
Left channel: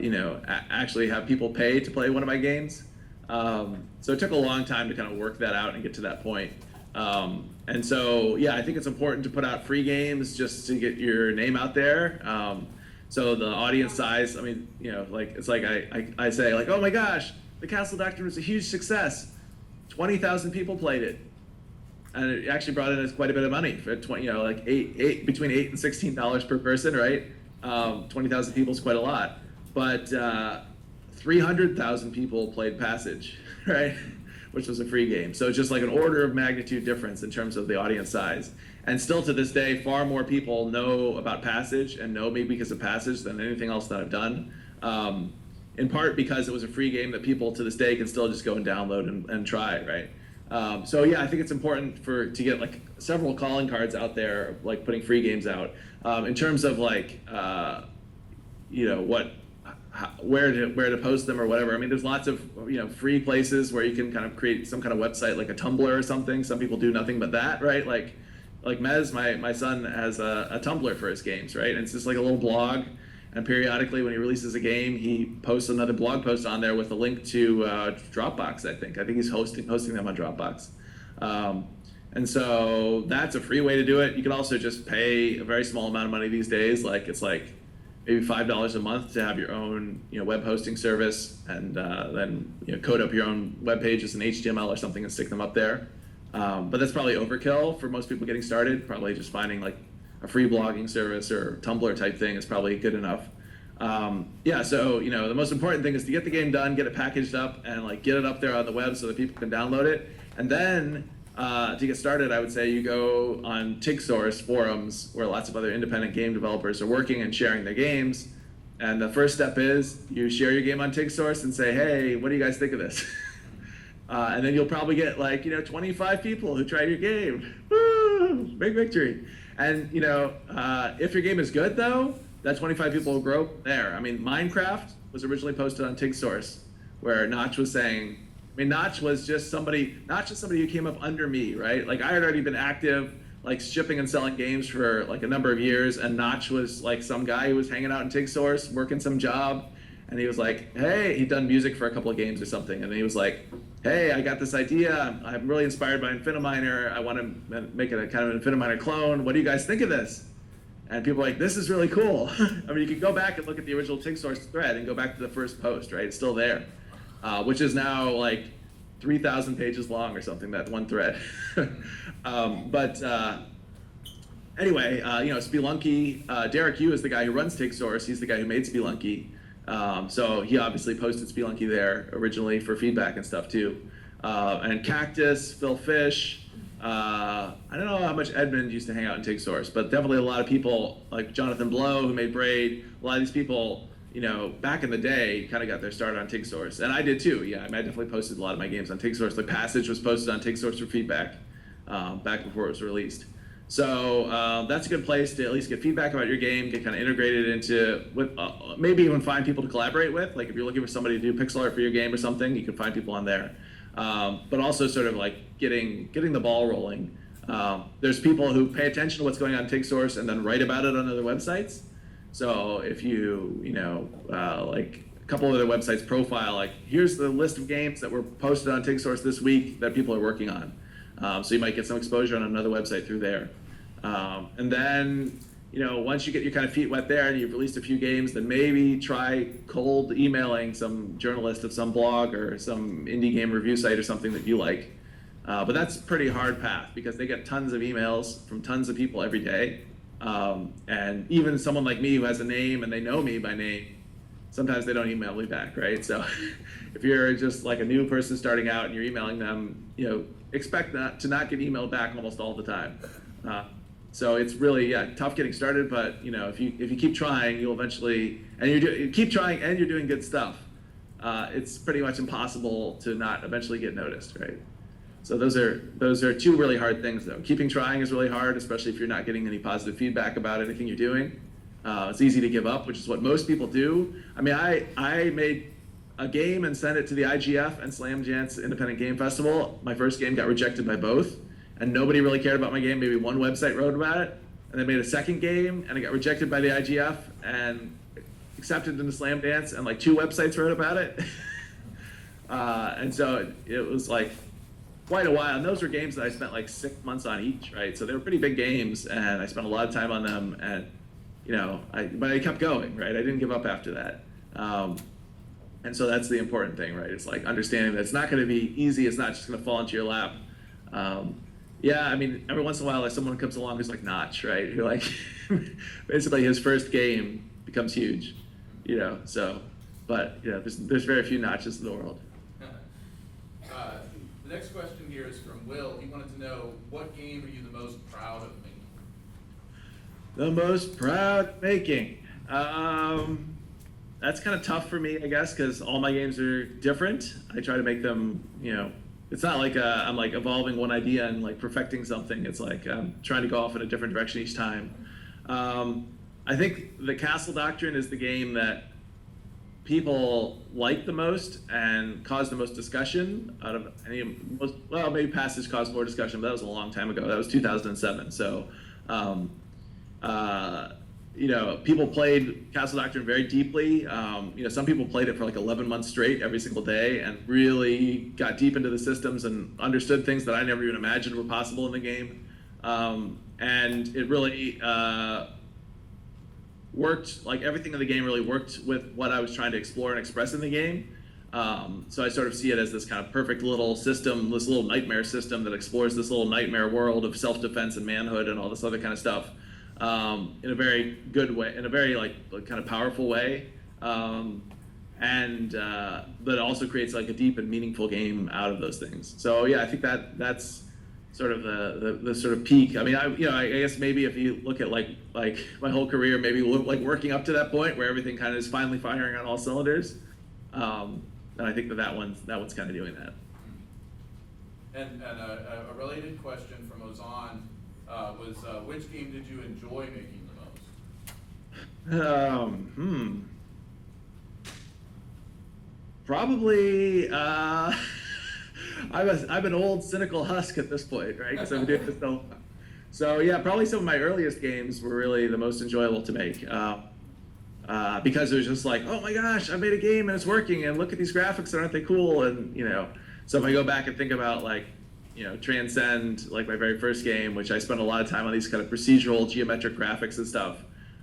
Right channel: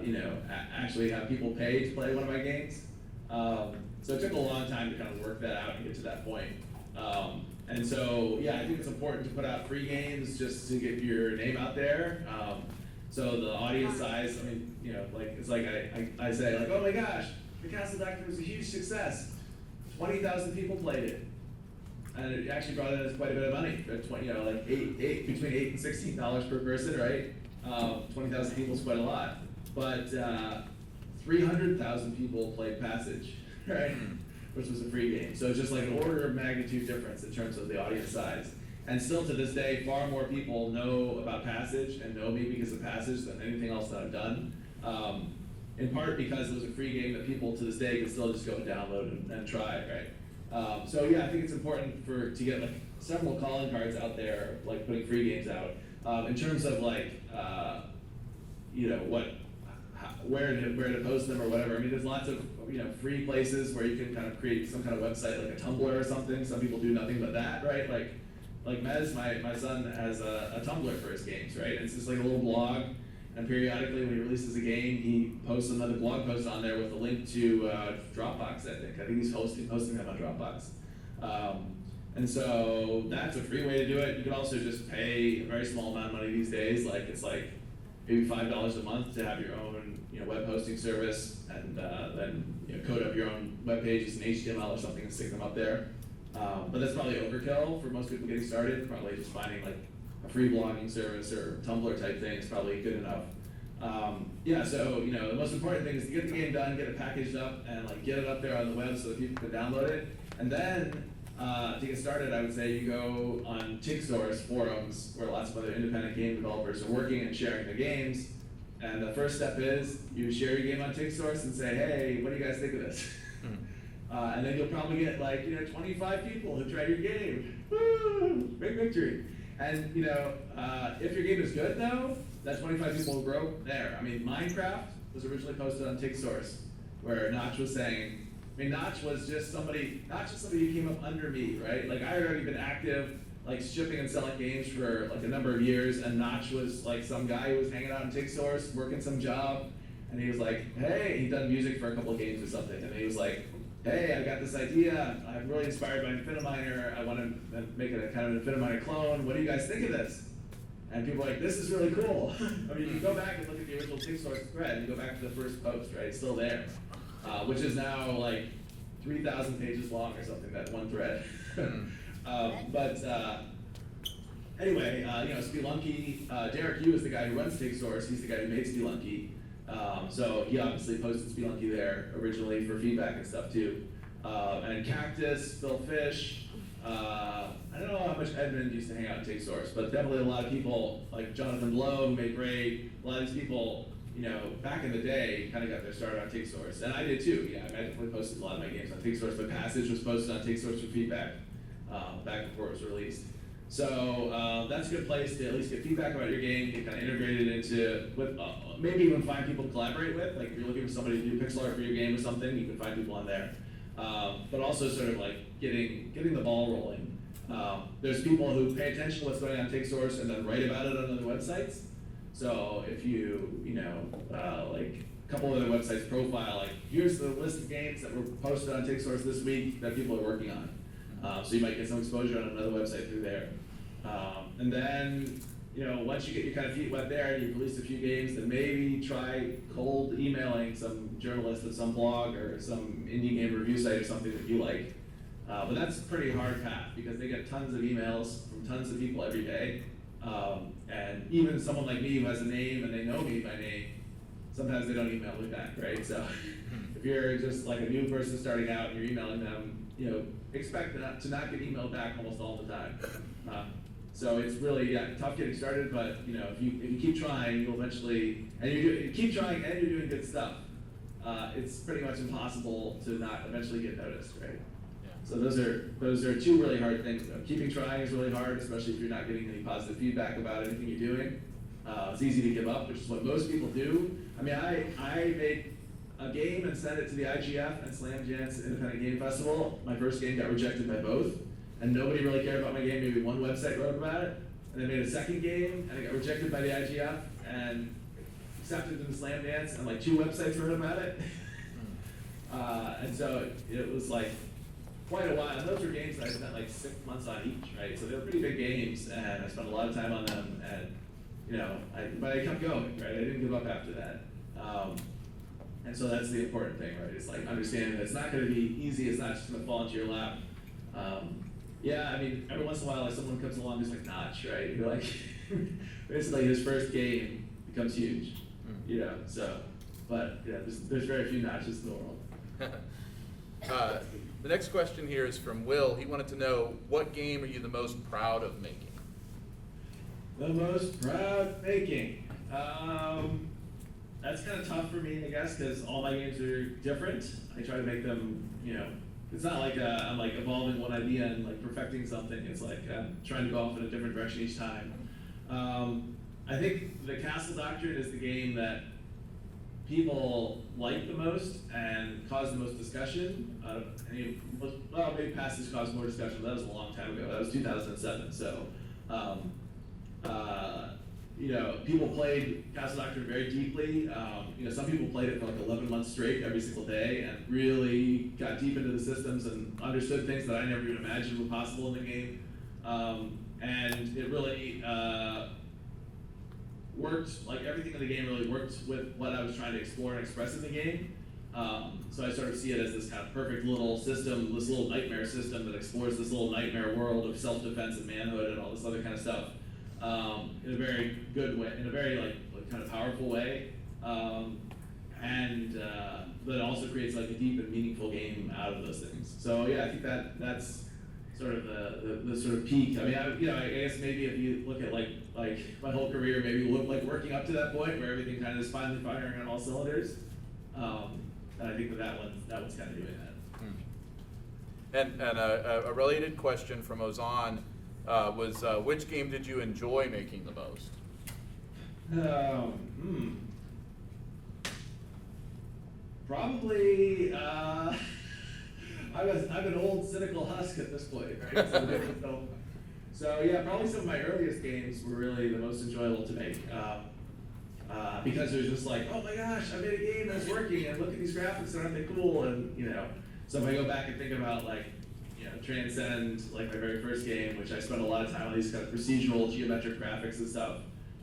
you know, actually have people pay to play one of my games. So it took a long time to kind of work that out and get to that point. And so, yeah, I think it's important to put out free games just to get your name out there. So the audience size, I mean, you know, like, it's like I say, like, oh my gosh, The Castle Doctor was a huge success. 20,000 people played it. And it actually brought in us quite a bit of money for 20, you know, like between $8 and $16 per person, right? 20,000 people is quite a lot. But 300,000 people played Passage, right? Which was a free game. So it's just like an order of magnitude difference in terms of the audience size. And still to this day, far more people know about Passage and know me because of Passage than anything else that I've done. In part because it was a free game that people to this day can still just go and download and try, right? So yeah, I think it's important to get like several calling cards out there, like putting free games out. In terms of like, you know, where to post them or whatever. I mean, there's lots of, you know, free places where you can kind of create some kind of website, like a Tumblr or something. Some people do nothing but that, right? Like Mez, my son has a Tumblr for his games, right? And it's just like a little blog, and periodically when he releases a game, he posts another blog post on there with a link to Dropbox, I think. I think he's hosting them on Dropbox. And so that's a free way to do it. You can also just pay a very small amount of money these days. Like it's like maybe $5 a month to have your own web hosting service, and then code up your own web pages in HTML or something and stick them up there. But that's probably overkill for most people getting started. Probably just finding like a free blogging service or Tumblr type thing is probably good enough. Yeah, so the most important thing is to get the game done, get it packaged up, and like get it up there on the web so that people can download it. And then to get started, I would say you go on TigSource forums where lots of other independent game developers are working and sharing their games. And the first step is you share your game on TigSource and say, hey, what do you guys think of this? And then you'll probably get like 25 people who tried your game. Woo! Big victory. And if your game is good though, that 25 people will grow there. I mean, Minecraft was originally posted on TigSource, where Notch was saying, Notch was just somebody, not just somebody who came up under me, right? Like I had already been active, like shipping and selling games for like a number of years, and Notch was like some guy who was hanging out in TigSource, working some job, and he was like, hey, he'd done music for a couple of games or something, and he was like, hey, I got this idea, I'm really inspired by Infiniminer, I want to make it a kind of an Infiniminer clone, what do you guys think of this? And people are like, this is really cool. I mean, you can go back and look at the original TigSource thread and go back to the first post, right? It's still there, which is now like 3,000 pages long or something, that one thread. Anyway, Spelunky, Derek Yu is the guy who runs TigSource. He's the guy who made Spelunky. So he obviously posted Spelunky there originally for feedback and stuff too. And Cactus, Phil Fish, I don't know how much Edmund used to hang out in TigSource, but definitely a lot of people like Jonathan Blow, who made Braid, a lot of these people, back in the day kind of got their start on TigSource. And I did too, yeah, I definitely posted a lot of my games on TigSource. The Passage was posted on TigSource for feedback back before it was released. So that's a good place to at least get feedback about your game, get kind of integrated into, maybe even find people to collaborate with. Like if you're looking for somebody to do pixel art for your game or something, you can find people on there. But also sort of like getting the ball rolling. There's people who pay attention to what's going on in TigSource and then write about it on other websites. So if you, like a couple of other websites profile, like here's the list of games that were posted on TigSource this week that people are working on. So you might get some exposure on another website through there. And then, once you get your kind of feet wet there and you've released a few games, then maybe try cold emailing some journalist of some blog or some indie game review site or something that you like. But that's a pretty hard path because they get tons of emails from tons of people every day. And even someone like me who has a name and they know me by name, sometimes they don't email me back, right? So if you're just like a new person starting out and you're emailing them, expect to not get emailed back almost all the time. So it's really tough getting started, but if you keep trying, you'll eventually, and you keep trying and you're doing good stuff, it's pretty much impossible to not eventually get noticed, right? So those are two really hard things though. Keeping trying is really hard, especially if you're not getting any positive feedback about anything you're doing. It's easy to give up, which is what most people do. I mean, I made a game and sent it to the IGF and Slam Jance Independent Game Festival. My first game got rejected by both, and nobody really cared about my game. Maybe one website wrote about it, and I made a second game, and it got rejected by the IGF and accepted into Slam Dance, and like 2 websites wrote about it. And so it was like quite a while. And those were games that I spent like 6 months on each, right? So they were pretty big games, and I spent a lot of time on them, and but I kept going, right? I didn't give up after that. And so that's the important thing, right? It's like understanding that it's not going to be easy. It's not just going to fall into your lap. Yeah, I mean, every once in a while, like someone comes along who's like Notch, right? Who like, basically his first game becomes huge, So, but there's very few Notches in the world. The next question here is from Will. He wanted to know, what game are you the most proud of making? The most proud making. That's kind of tough for me, I guess, because all my games are different. I try to make them, it's not like I'm like evolving one idea and like perfecting something. It's like I'm trying to go off in a different direction each time. I think the Castle Doctrine is the game that people like the most and cause the most discussion out of any. Well, maybe Passage caused more discussion, but that was a long time ago. That was 2007. So, people played Castle Doctrine very deeply. Some people played it for like 11 months straight every single day and really got deep into the systems and understood things that I never even imagined were possible in the game. And it really worked, like everything in the game really worked with what I was trying to explore and express in the game. So I sort of see it as this kind of perfect little system, this little nightmare system that explores this little nightmare world of self-defense and manhood and all this other kind of stuff in a very good way, in a very like kind of powerful way, but it also creates like a deep and meaningful game out of those things. So yeah, I think that's sort of the sort of peak. I mean, I guess maybe if you look at like my whole career, maybe like working up to that point where everything kind of is finally firing on all cylinders. And I think that one's kind of doing that. And a related question from Ozan was, which game did you enjoy making the most? Probably, I'm an old cynical husk at this point, right? So yeah, probably some of my earliest games were really the most enjoyable to make. Because it was just like, oh my gosh, I made a game and it's working, and look at these graphics, aren't they cool? And so if I go back and think about like, Transcend, like my very first game, which I spent a lot of time on these kind of procedural geometric graphics and stuff,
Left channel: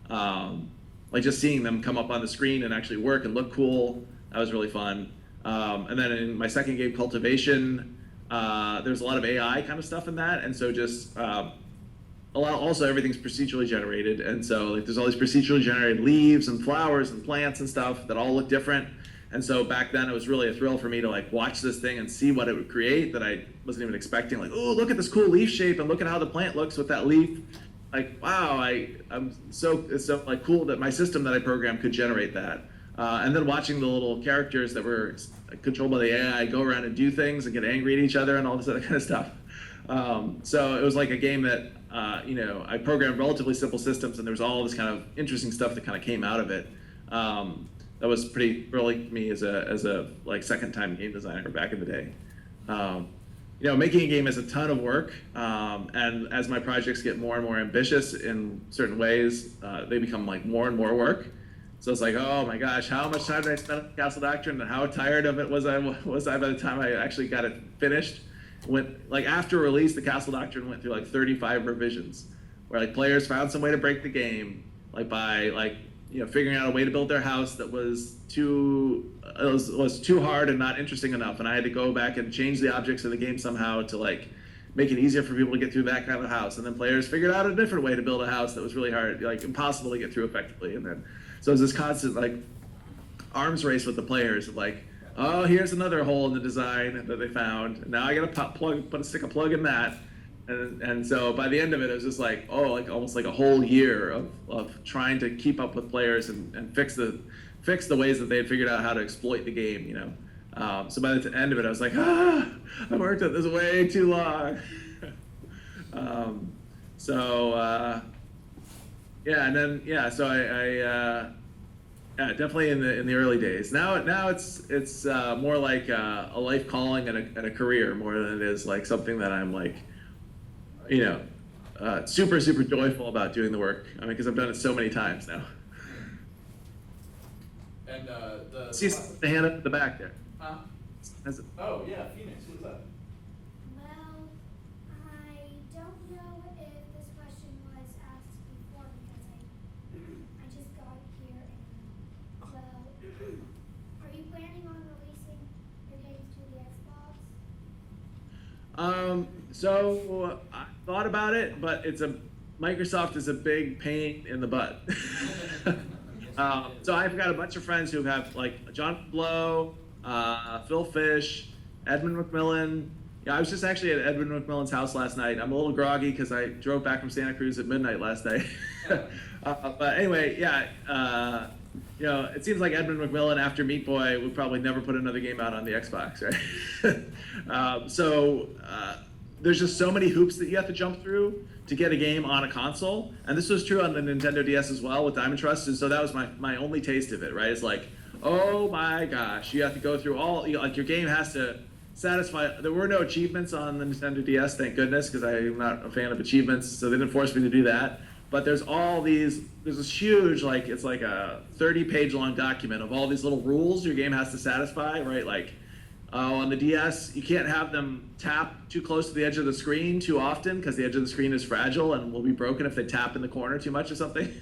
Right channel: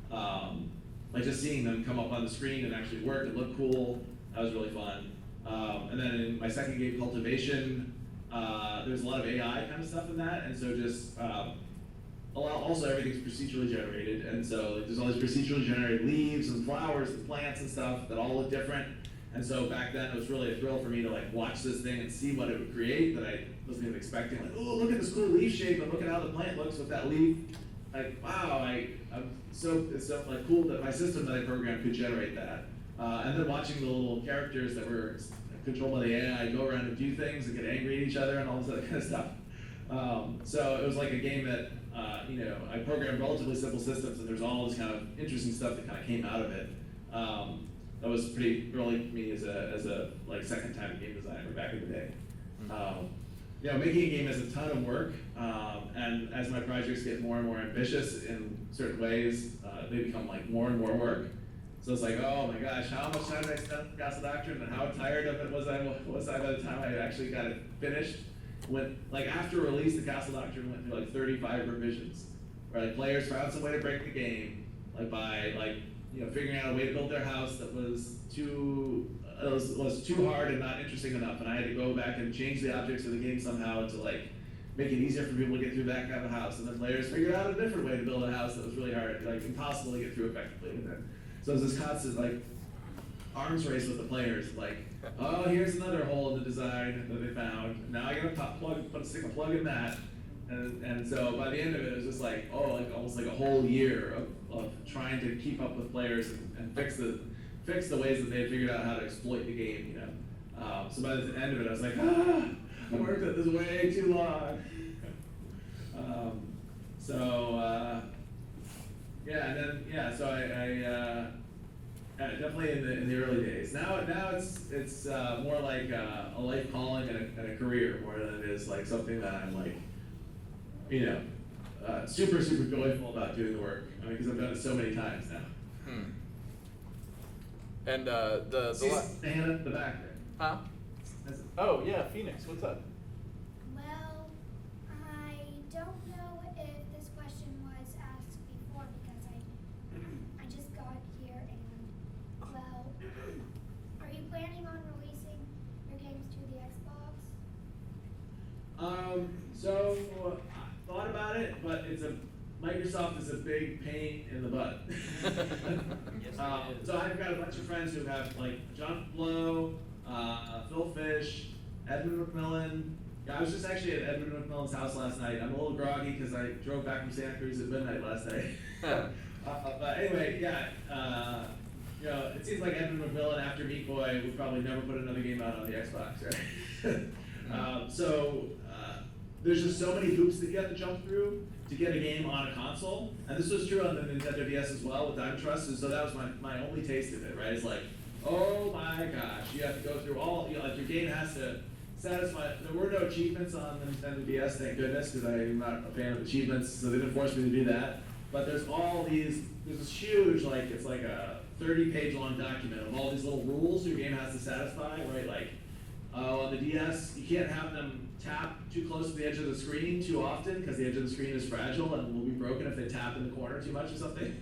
like just seeing them come up on the screen and actually work and look cool, that was really fun. And then in my second game, Cultivation, there's a lot of AI kind of stuff in that, and so just also everything's procedurally generated, and so like there's all these procedurally generated leaves and flowers and plants and stuff that all look different. And so back then it was really a thrill for me to like watch this thing and see what it would create that I wasn't even expecting. Like, oh, look at this cool leaf shape and look at how the plant looks with that leaf. Like, wow, it's so like cool that my system that I programmed could generate that. And then watching the little characters that were controlled by the AI go around and do things and get angry at each other and all this other kind of stuff. So it was like a game that I programmed relatively simple systems, and there was all this kind of interesting stuff that kind of came out of it. That was pretty thrilling to me as a like second time game designer back in the day. Making a game is a ton of work, and as my projects get more and more ambitious in certain ways, they become like more and more work. So it's like, oh my gosh, how much time did I spend on Castle Doctrine, and how tired of it was I by the time I actually got it finished? After release, the Castle Doctrine went through like 35 revisions, where like players found some way to break the game, like by figuring out a way to build their house that was too hard and not interesting enough, and I had to go back and change the objects of the game somehow to like make it easier for people to get through that kind of house. And then players figured out a different way to build a house that was really hard, like impossible to get through effectively. And then so it was this constant like arms race with the players, like, oh, here's another hole in the design that they found. Now I gotta stick a plug in that. And so by the end of it, it was just like, oh, like almost like a whole year of trying to keep up with players and fix the ways that they had figured out how to exploit the game, So by the end of it, I was like, I worked at this way too long. So I definitely in the early days. Now it's more like a life calling and a career more than it is like something that I'm like, super joyful about doing the work. I mean, because I've done it so many times now. And See the hand at the back there. Huh? Oh yeah, Phoenix, what's up? Well, I don't know if this question was asked before because I just got here and, well, are you planning on releasing your games to the Xbox? So I thought about it, but Microsoft is a big pain in the butt. So I've got a bunch of friends who have like John Blow, Phil Fish, Edmund McMillan. Yeah, I was just actually at Edmund McMillan's house last night. I'm a little groggy because I drove back from Santa Cruz at midnight last night. But anyway, yeah, it seems like Edmund McMillan after Meat Boy would probably never put another game out on the Xbox, right? There's just so many hoops that you have to jump through to get a game on a console, and this was true on the Nintendo DS as well with Diamond Trust, and so that was my only taste of it, right? It's like, oh my gosh, you have to go through all, like your game has to satisfy, there were no achievements on the Nintendo DS, thank goodness, because I'm not a fan of achievements, so they didn't force me to do that. but there's this huge, like, it's like a 30-page long document of all these little rules your game has to satisfy, right? Like, on the DS, you can't have them tap too close to the edge of the screen too often because the edge of the screen is fragile and will be broken if they tap in the corner too much or something.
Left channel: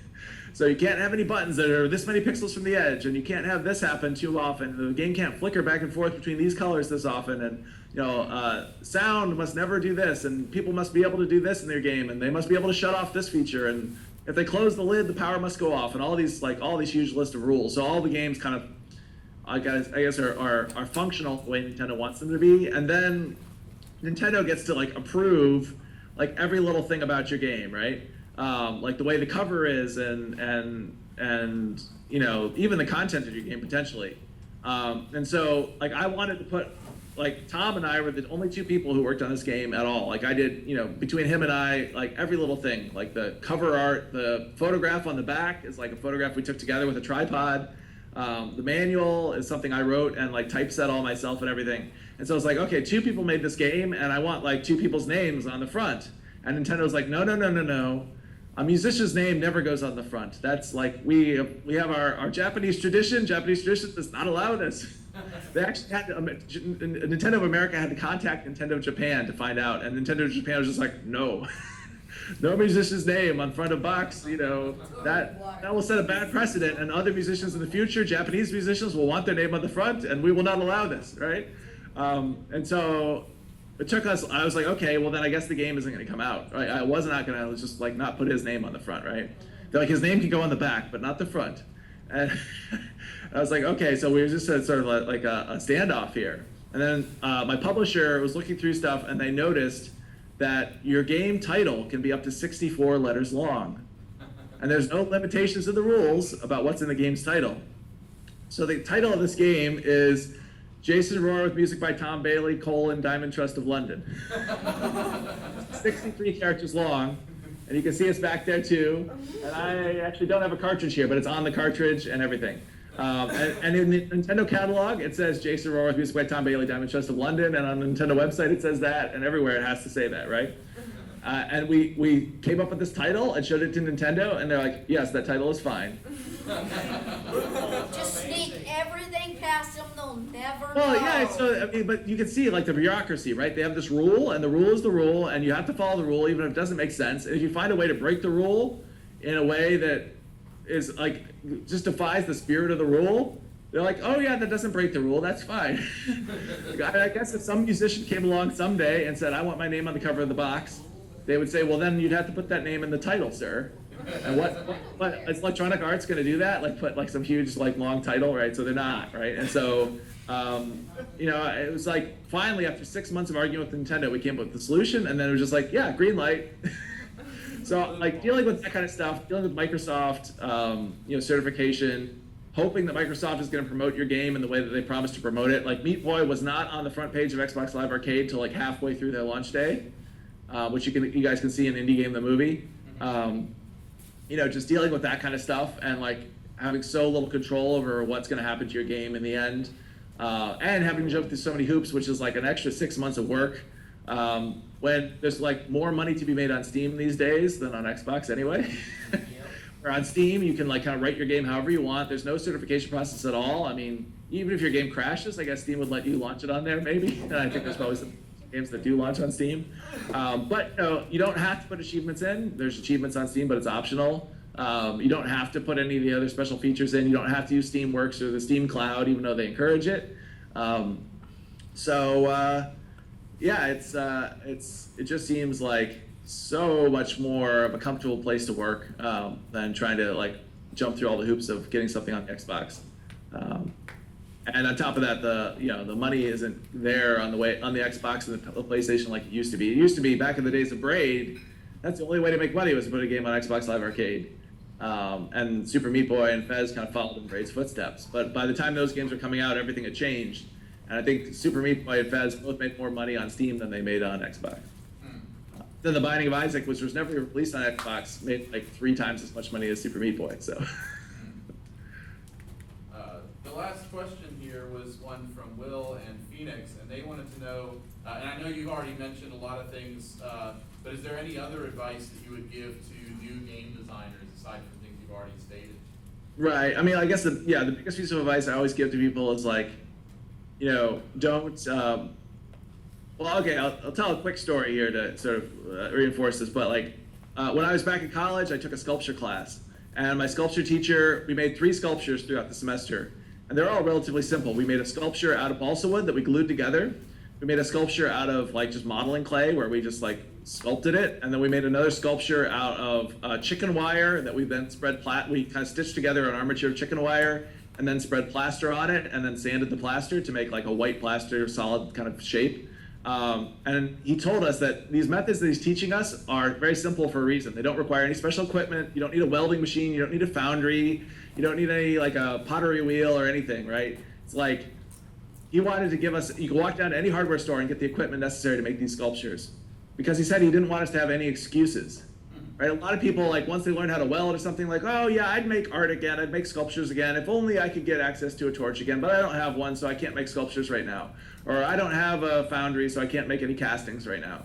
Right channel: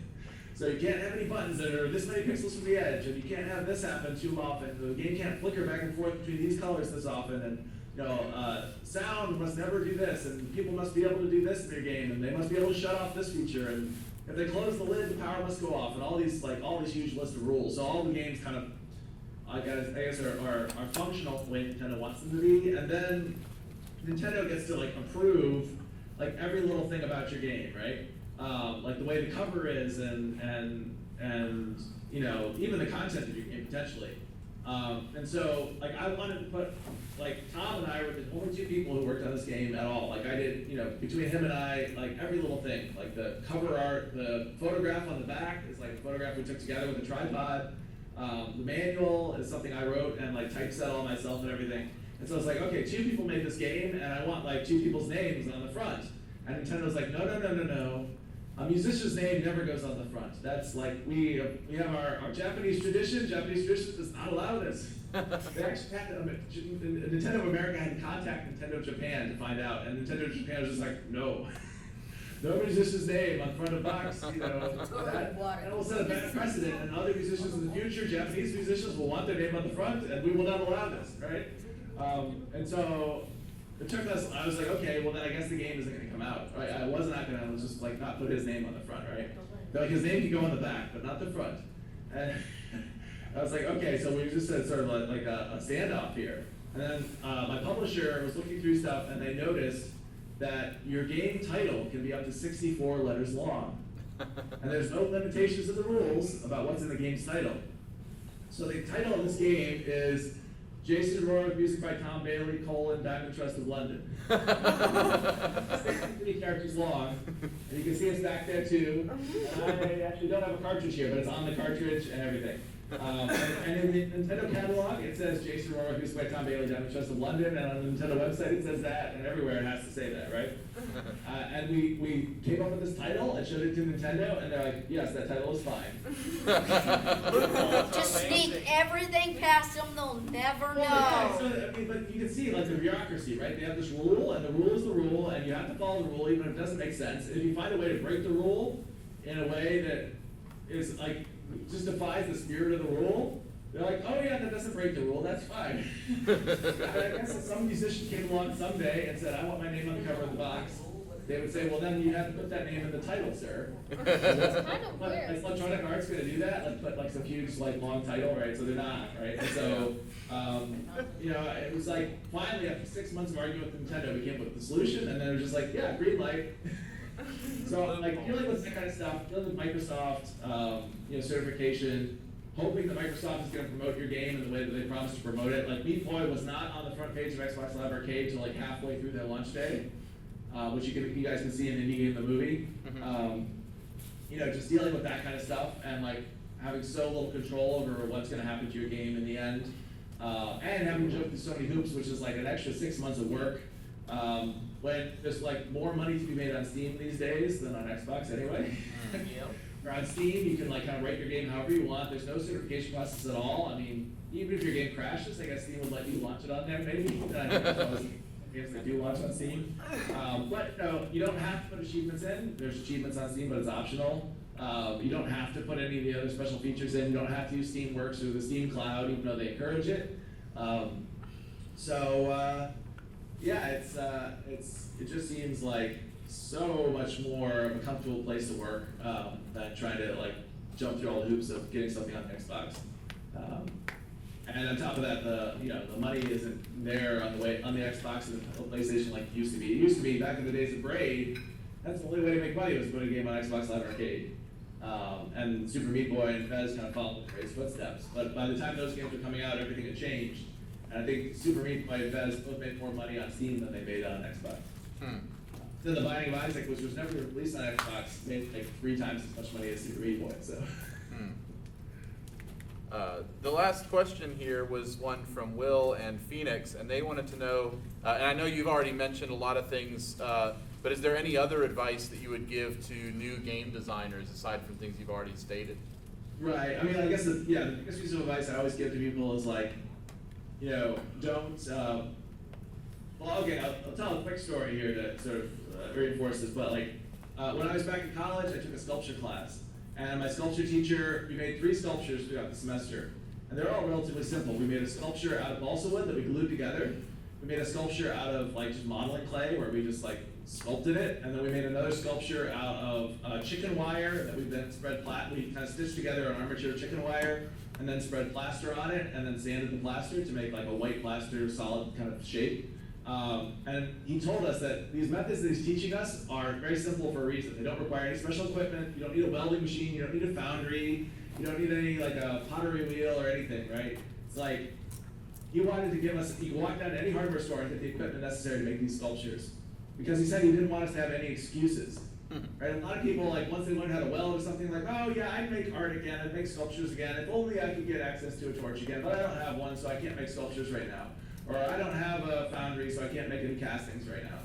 So you can't have any buttons that are this many pixels from the edge, and you can't have this happen too often. The game can't flicker back and forth between these colors this often, and sound must never do this, and people must be able to do this in their game, and they must be able to shut off this feature, and if they close the lid, the power must go off, and all these huge list of rules. So all the games kind of, I guess are functional the way Nintendo wants them to be, and then Nintendo gets to like approve like every little thing about your game, right? Like the way the cover is, and even the content of your game potentially. And so like I wanted to put, like Tom and I were the only 2 people who worked on this game at all. Like I did, between him and I, like every little thing, like the cover art, the photograph on the back is like a photograph we took together with a tripod. The manual is something I wrote and like typeset all myself and everything. And so it's like, okay, 2 people made this game, and I want like 2 people's names on the front. And Nintendo's like, no. A musician's name never goes on the front. That's like, we have our Japanese tradition. Japanese tradition does not allow this. They actually had Nintendo of America had to contact Nintendo of Japan to find out, and Nintendo of Japan was just like, no. No musician's name on front of box, that will set a bad precedent, and other musicians in the future, Japanese musicians, will want their name on the front, and we will not allow this, right? And so it took us, I was like, okay, well then I guess the game isn't gonna come out, right? I was just like not put his name on the front, right? They're like, his name could go on the back, but not the front. And I was like, okay, so we were just sort of like a standoff here. And then my publisher was looking through stuff, and they noticed that your game title can be up to 64 letters long. And there's no limitations to the rules about what's in the game's title. So the title of this game is Jason Rohrer with music by Tom Bailey, Diamond Trust of London. 63 characters long, and you can see it's back there too. And I actually don't have a cartridge here, but it's on the cartridge and everything. And in the Nintendo catalog, it says Jason Rohrer with music by Tom Bailey, Diamond Trust of London, and on the Nintendo website it says that, and everywhere it has to say that, right? And we came up with this title and showed it to Nintendo, and they're like, yes, that title is fine. Just sneak everything past them, they'll never know. Well, yeah, so, but you can see, like, the bureaucracy, right? They have this rule, and the rule is the rule, and you have to follow the rule even if it doesn't make sense. And if you find a way to break the rule in a way that is, like, just defies the spirit of the rule, they're like, oh yeah, that doesn't break the rule, that's fine. I guess if some musician came along someday and said, I want my name on the cover of the box, they would say, well then you'd have to put that name in the title, sir. But is Electronic Arts gonna do that? Like put like some huge like long title, right? So they're not, right? And so, it was like, finally after 6 months of arguing with Nintendo, we came up with the solution, and then it was just like, yeah, green light. So like dealing with that kind of stuff, dealing with Microsoft, certification, hoping that Microsoft is going to promote your game in the way that they promised to promote it. Like Meat Boy was not on the front page of Xbox Live Arcade till like halfway through their launch day, which you guys can see in Indie Game the movie. Just dealing with that kind of stuff and like having so little control over what's going to happen to your game in the end, and having to jump through so many hoops, which is like an extra 6 months of work. When there's like more money to be made on Steam these days than on Xbox anyway. Or on Steam, you can like kind of write your game however you want. There's no certification process at all. I mean, even if your game crashes, I guess Steam would let you launch it on there maybe. And I think there's always games that do launch on Steam. But you don't have to put achievements in. There's achievements on Steam, but it's optional. You don't have to put any of the other special features in. You don't have to use Steamworks or the Steam Cloud, even though they encourage it. It just seems like so much more of a comfortable place to work than trying to like jump through all the hoops of getting something on the Xbox. And on top of that, the money isn't there on the Xbox and the PlayStation like it used to be. It used to be back in the days of Braid. That's the only way to make money was to put a game on Xbox Live Arcade. And Super Meat Boy and Fez kind of followed in Braid's footsteps. But by the time those games were coming out, everything had changed. And I think Super Meat Boy and Fez both made more money on Steam than they made on Xbox. Then The Binding of Isaac, which was never released on Xbox, made like 3 times as much money as Super Meat Boy. So. The last question here was one from Will and Phoenix, and they wanted to know, and I know you've already mentioned a lot of things But is there any other advice that you would give to new game designers aside from things you've already stated? Right. I mean, I guess the biggest piece of advice I always give to people is like, don't. Well, okay, I'll tell a quick story here to sort of reinforce this. But like, when I was back in college, I took a sculpture class, and my sculpture teacher, we made 3 sculptures throughout the semester, and they're all relatively simple. We made a sculpture out of balsa wood that we glued together. We made a sculpture out of like just modeling clay where we just like sculpted it, and then we made another sculpture out of chicken wire that we then we kind of stitched together an armature of chicken wire, and then spread plaster on it, and then sanded the plaster to make like a white plaster solid kind of shape. And he told us that these methods that he's teaching us are very simple for a reason. They don't require any special equipment. You don't need a welding machine. You don't need a foundry. You don't need any like a pottery wheel or anything, right? It's like he wanted to give us, you can walk down to any hardware store and get the equipment necessary to make these sculptures. Because he said he didn't want us to have any excuses. Right? A lot of people, like once they learn how to weld or something, like, oh yeah, I'd make art again, I'd make sculptures again, if only I could get access to a torch again, but I don't have one, so I can't make sculptures right now. Or I don't have a foundry, so I can't make any castings right now.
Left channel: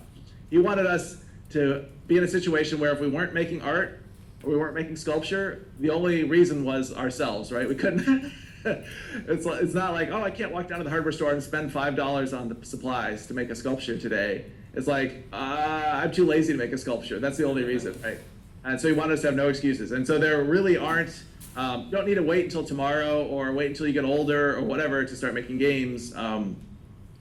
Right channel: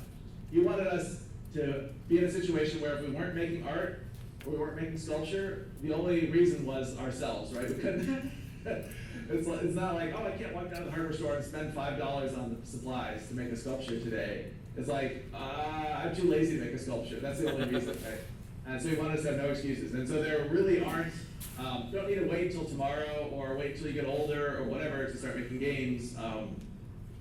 He wanted us to be in a situation where if we weren't making art, or we weren't making sculpture, the only reason was ourselves, right? We couldn't, it's not like, oh, I can't walk down to the hardware store and spend $5 on the supplies to make a sculpture today. It's like, I'm too lazy to make a sculpture. That's the only reason, right? And so he wanted us to have no excuses. And so there really aren't, don't need to wait until tomorrow or wait until you get older or whatever to start making games.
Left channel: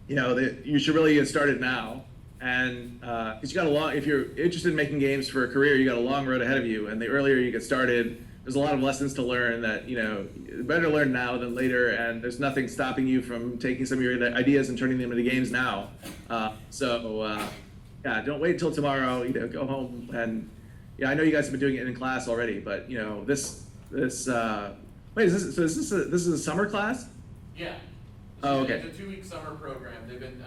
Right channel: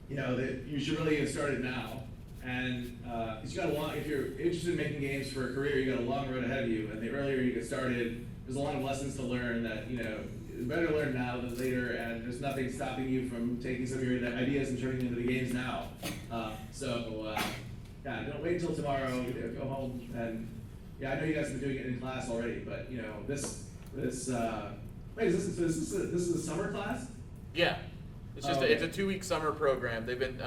You should really get started now. And because if you're interested in making games for a career, you got a long road ahead of you. And the earlier you get started, there's a lot of lessons to learn that, better learn now than later, and there's nothing stopping you from taking some of your ideas and turning them into games now. Don't wait until tomorrow. Go home and I know you guys have been doing it in class already, but this is a summer class? Yeah, it's Okay. It's a 2-week summer program. They've been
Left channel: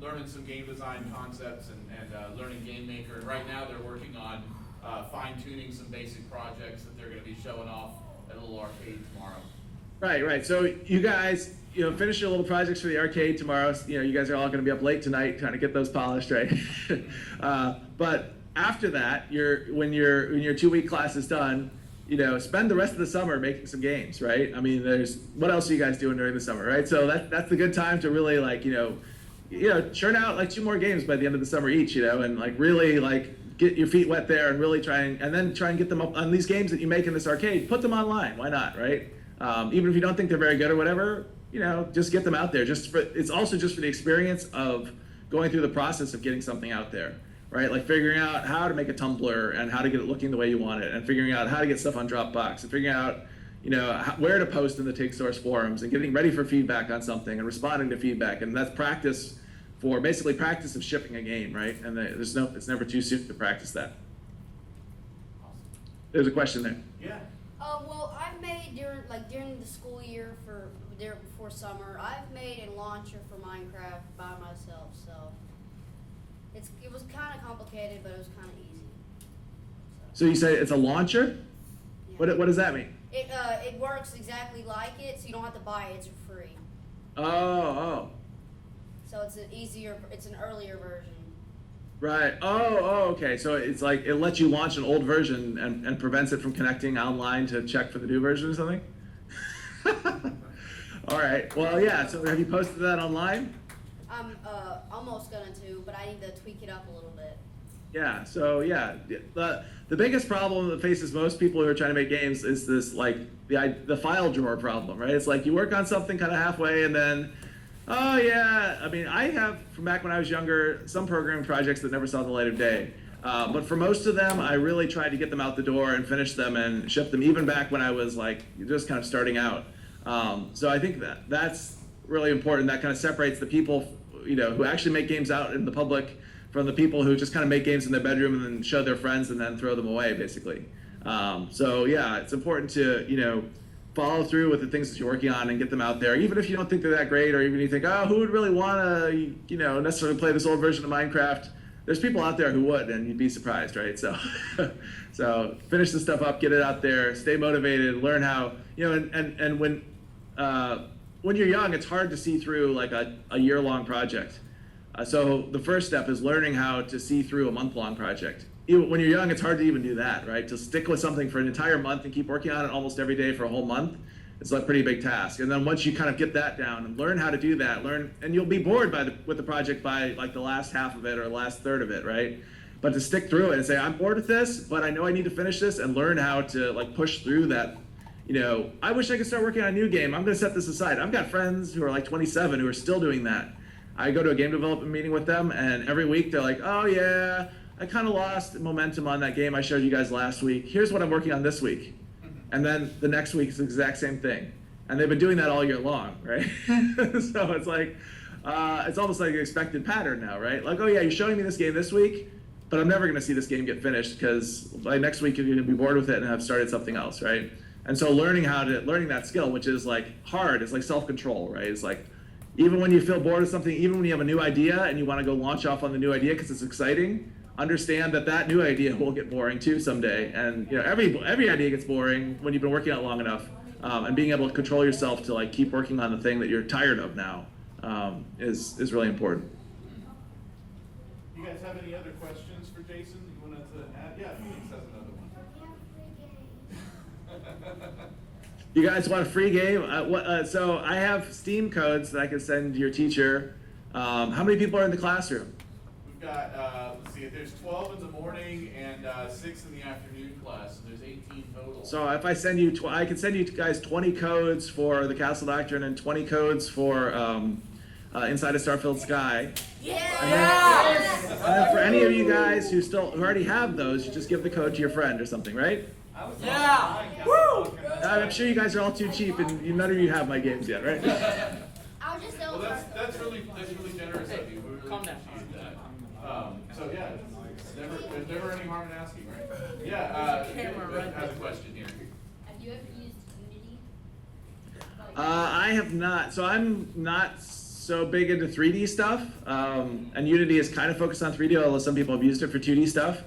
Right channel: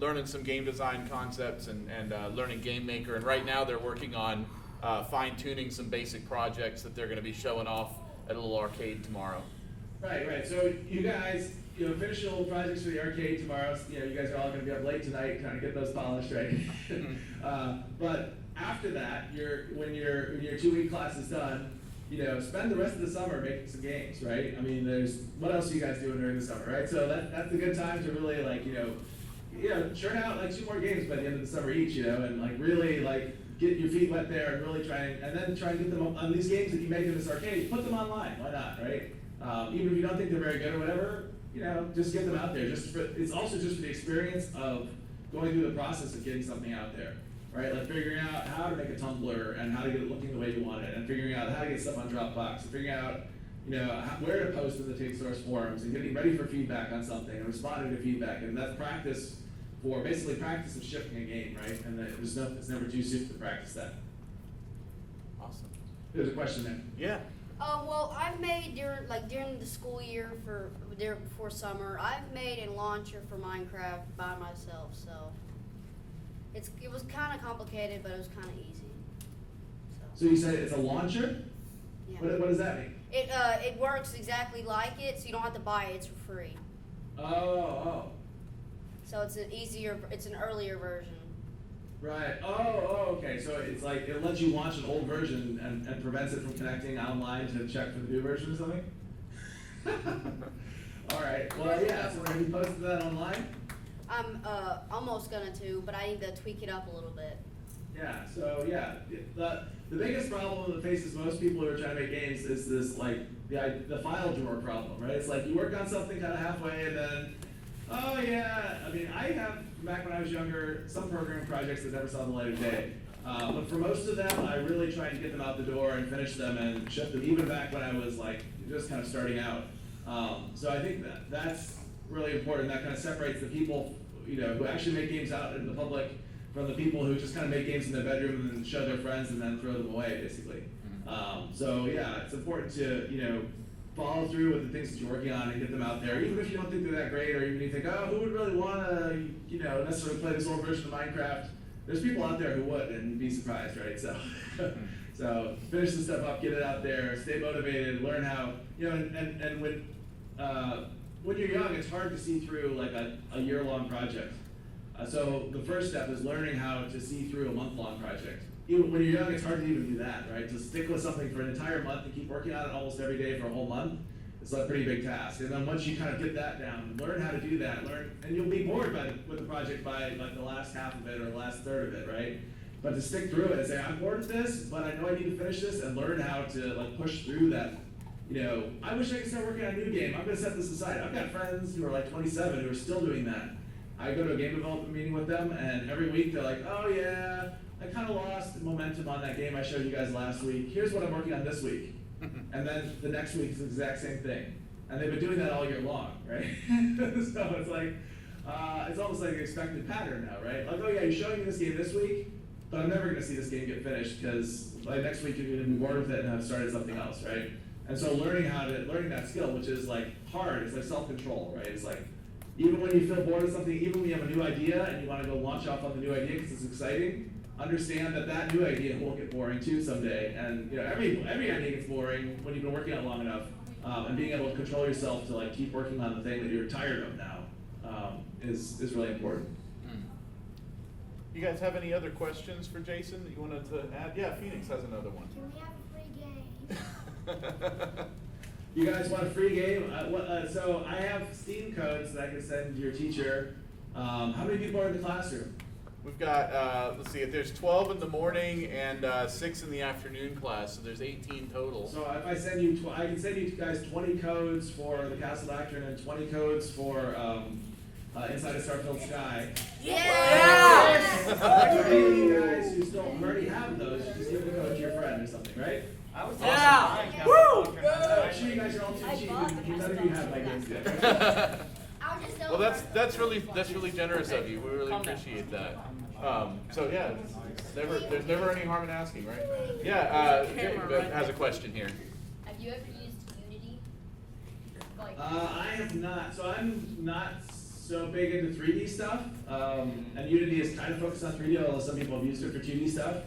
learning some game design concepts and learning Game Maker, and right now they're working on fine-tuning some basic projects that they're going to be showing off at a little arcade tomorrow. Right. So you guys, finish your little projects for the arcade tomorrow. You guys are all going to be up late tonight trying to get those polished, right? But after that, when your 2-week class is done, spend the rest of the summer making some games, right? I mean, what else are you guys doing during the summer, right? So that's the good time to really churn out like 2 more games by the end of the summer each, and really get your feet wet there and really try and get them up on these games that you make in this arcade. Put them online, why not, right? Even if you don't think they're very good or whatever, just get them out there. It's also just for the experience of going through the process of getting something out there, right? Like figuring out how to make a Tumblr and how to get it looking the way you want it, and figuring out how to get stuff on Dropbox, and figuring out where to post in the Take Source forums, and getting ready for feedback on something and responding to feedback. And that's practice of shipping a game, right? And it's never too soon to practice that. Awesome. There's a question there. Yeah. Well, I've made during the school year before summer, I've made a launcher for Minecraft by myself. So it was kind of complicated, but it was kind of easy. So you say it's a launcher? Yeah. What does that mean? It works exactly like it, so you don't have to buy it. It's for free. Oh. So it's an earlier version. Right. Oh, okay. So it's like it lets you launch an old version and prevents it from connecting online to check for the new version or something? All right. Well, yeah. So have you posted that online? I'm almost gonna but I need to tweak it up a little bit. Yeah. So yeah, the biggest problem that faces most people who are trying to make games is this the file drawer problem, right? It's like you work on something kind of halfway and then, oh yeah, I mean, I have, from back when I was younger, some programming projects that never saw the light of day. But for most of them, I really tried to get them out the door and finish them and ship them, even back when I was just kind of starting out. So I think that's really important. That kind of separates the people, who actually make games out in the public from the people who just kind of make games in their bedroom and then show their friends and then throw them away, basically. So yeah, it's important to, follow through with the things that you're working on and get them out there, even if you don't think they're that great, or even you think, oh, who would really want to, necessarily play this old version of Minecraft? There's people out there who would, and you'd be surprised, right? So, so finish the stuff up, get it out there, stay motivated, learn how, and when you're young, it's hard to see through like a year-long project. So the first step is learning how to see through a month-long project. Even when you're young, it's hard to even do that, right? To stick with something for an entire month and keep working on it almost every day for a whole month, it's a pretty big task. And then once you kind of get that down and learn how to do that, and you'll be bored with the project by like the last half of it or the last third of it, right? But to stick through it and say, I'm bored with this, but I know I need to finish this, and learn how to like push through that. I wish I could start working on a new game. I'm gonna set this aside. I've got friends who are like 27 who are still doing that. I go to a game development meeting with them, and every week they're like, oh yeah, I kind of lost momentum on that game I showed you guys last week. Here's what I'm working on this week. And then the next week is the exact same thing. And they've been doing that all year long, right? So it's like, it's almost like an expected pattern now, right? Like, oh yeah, you're showing me this game this week, but I'm never gonna see this game get finished because by next week you're gonna be bored with it and have started something else, right? And so learning that skill, which is like hard, it's like self-control, right? It's like, even when you feel bored of something, even when you have a new idea and you wanna go launch off on the new idea because it's exciting, understand that new idea will get boring too someday. And every idea gets boring when you've been working on it long enough. And being able to control yourself to like keep working on the thing that you're tired of now is really important. You guys have any other questions for Jason that you wanted to add? Yeah, Phoenix has another one. Can we have a free game? You guys want a free game? So I have Steam codes that I can send to your teacher. How many people are in the classroom? We've got, let's see, there's 12 in the morning and 6 in the afternoon class, so there's 18 total. So if I send you, I can send you guys 20 codes for the Castle Doctrine and 20 codes for Inside a Starfilled Sky. Yeah! For any of you guys who already have those, you just give the code to your friend or something, right? I was Yeah. Woo! I'm sure you guys are all too cheap, and none of you have my games yet, right? I'll just Well, that's really generous of you. We really Calm down. appreciate that. So yeah, there's never any harm in asking, right? Yeah, Camera Vic right has a there. question here. Have you ever used Unity? I have not. So I'm not so big into 3D stuff, and Unity is kind of focused on 3D, although some people have used it for 2D stuff.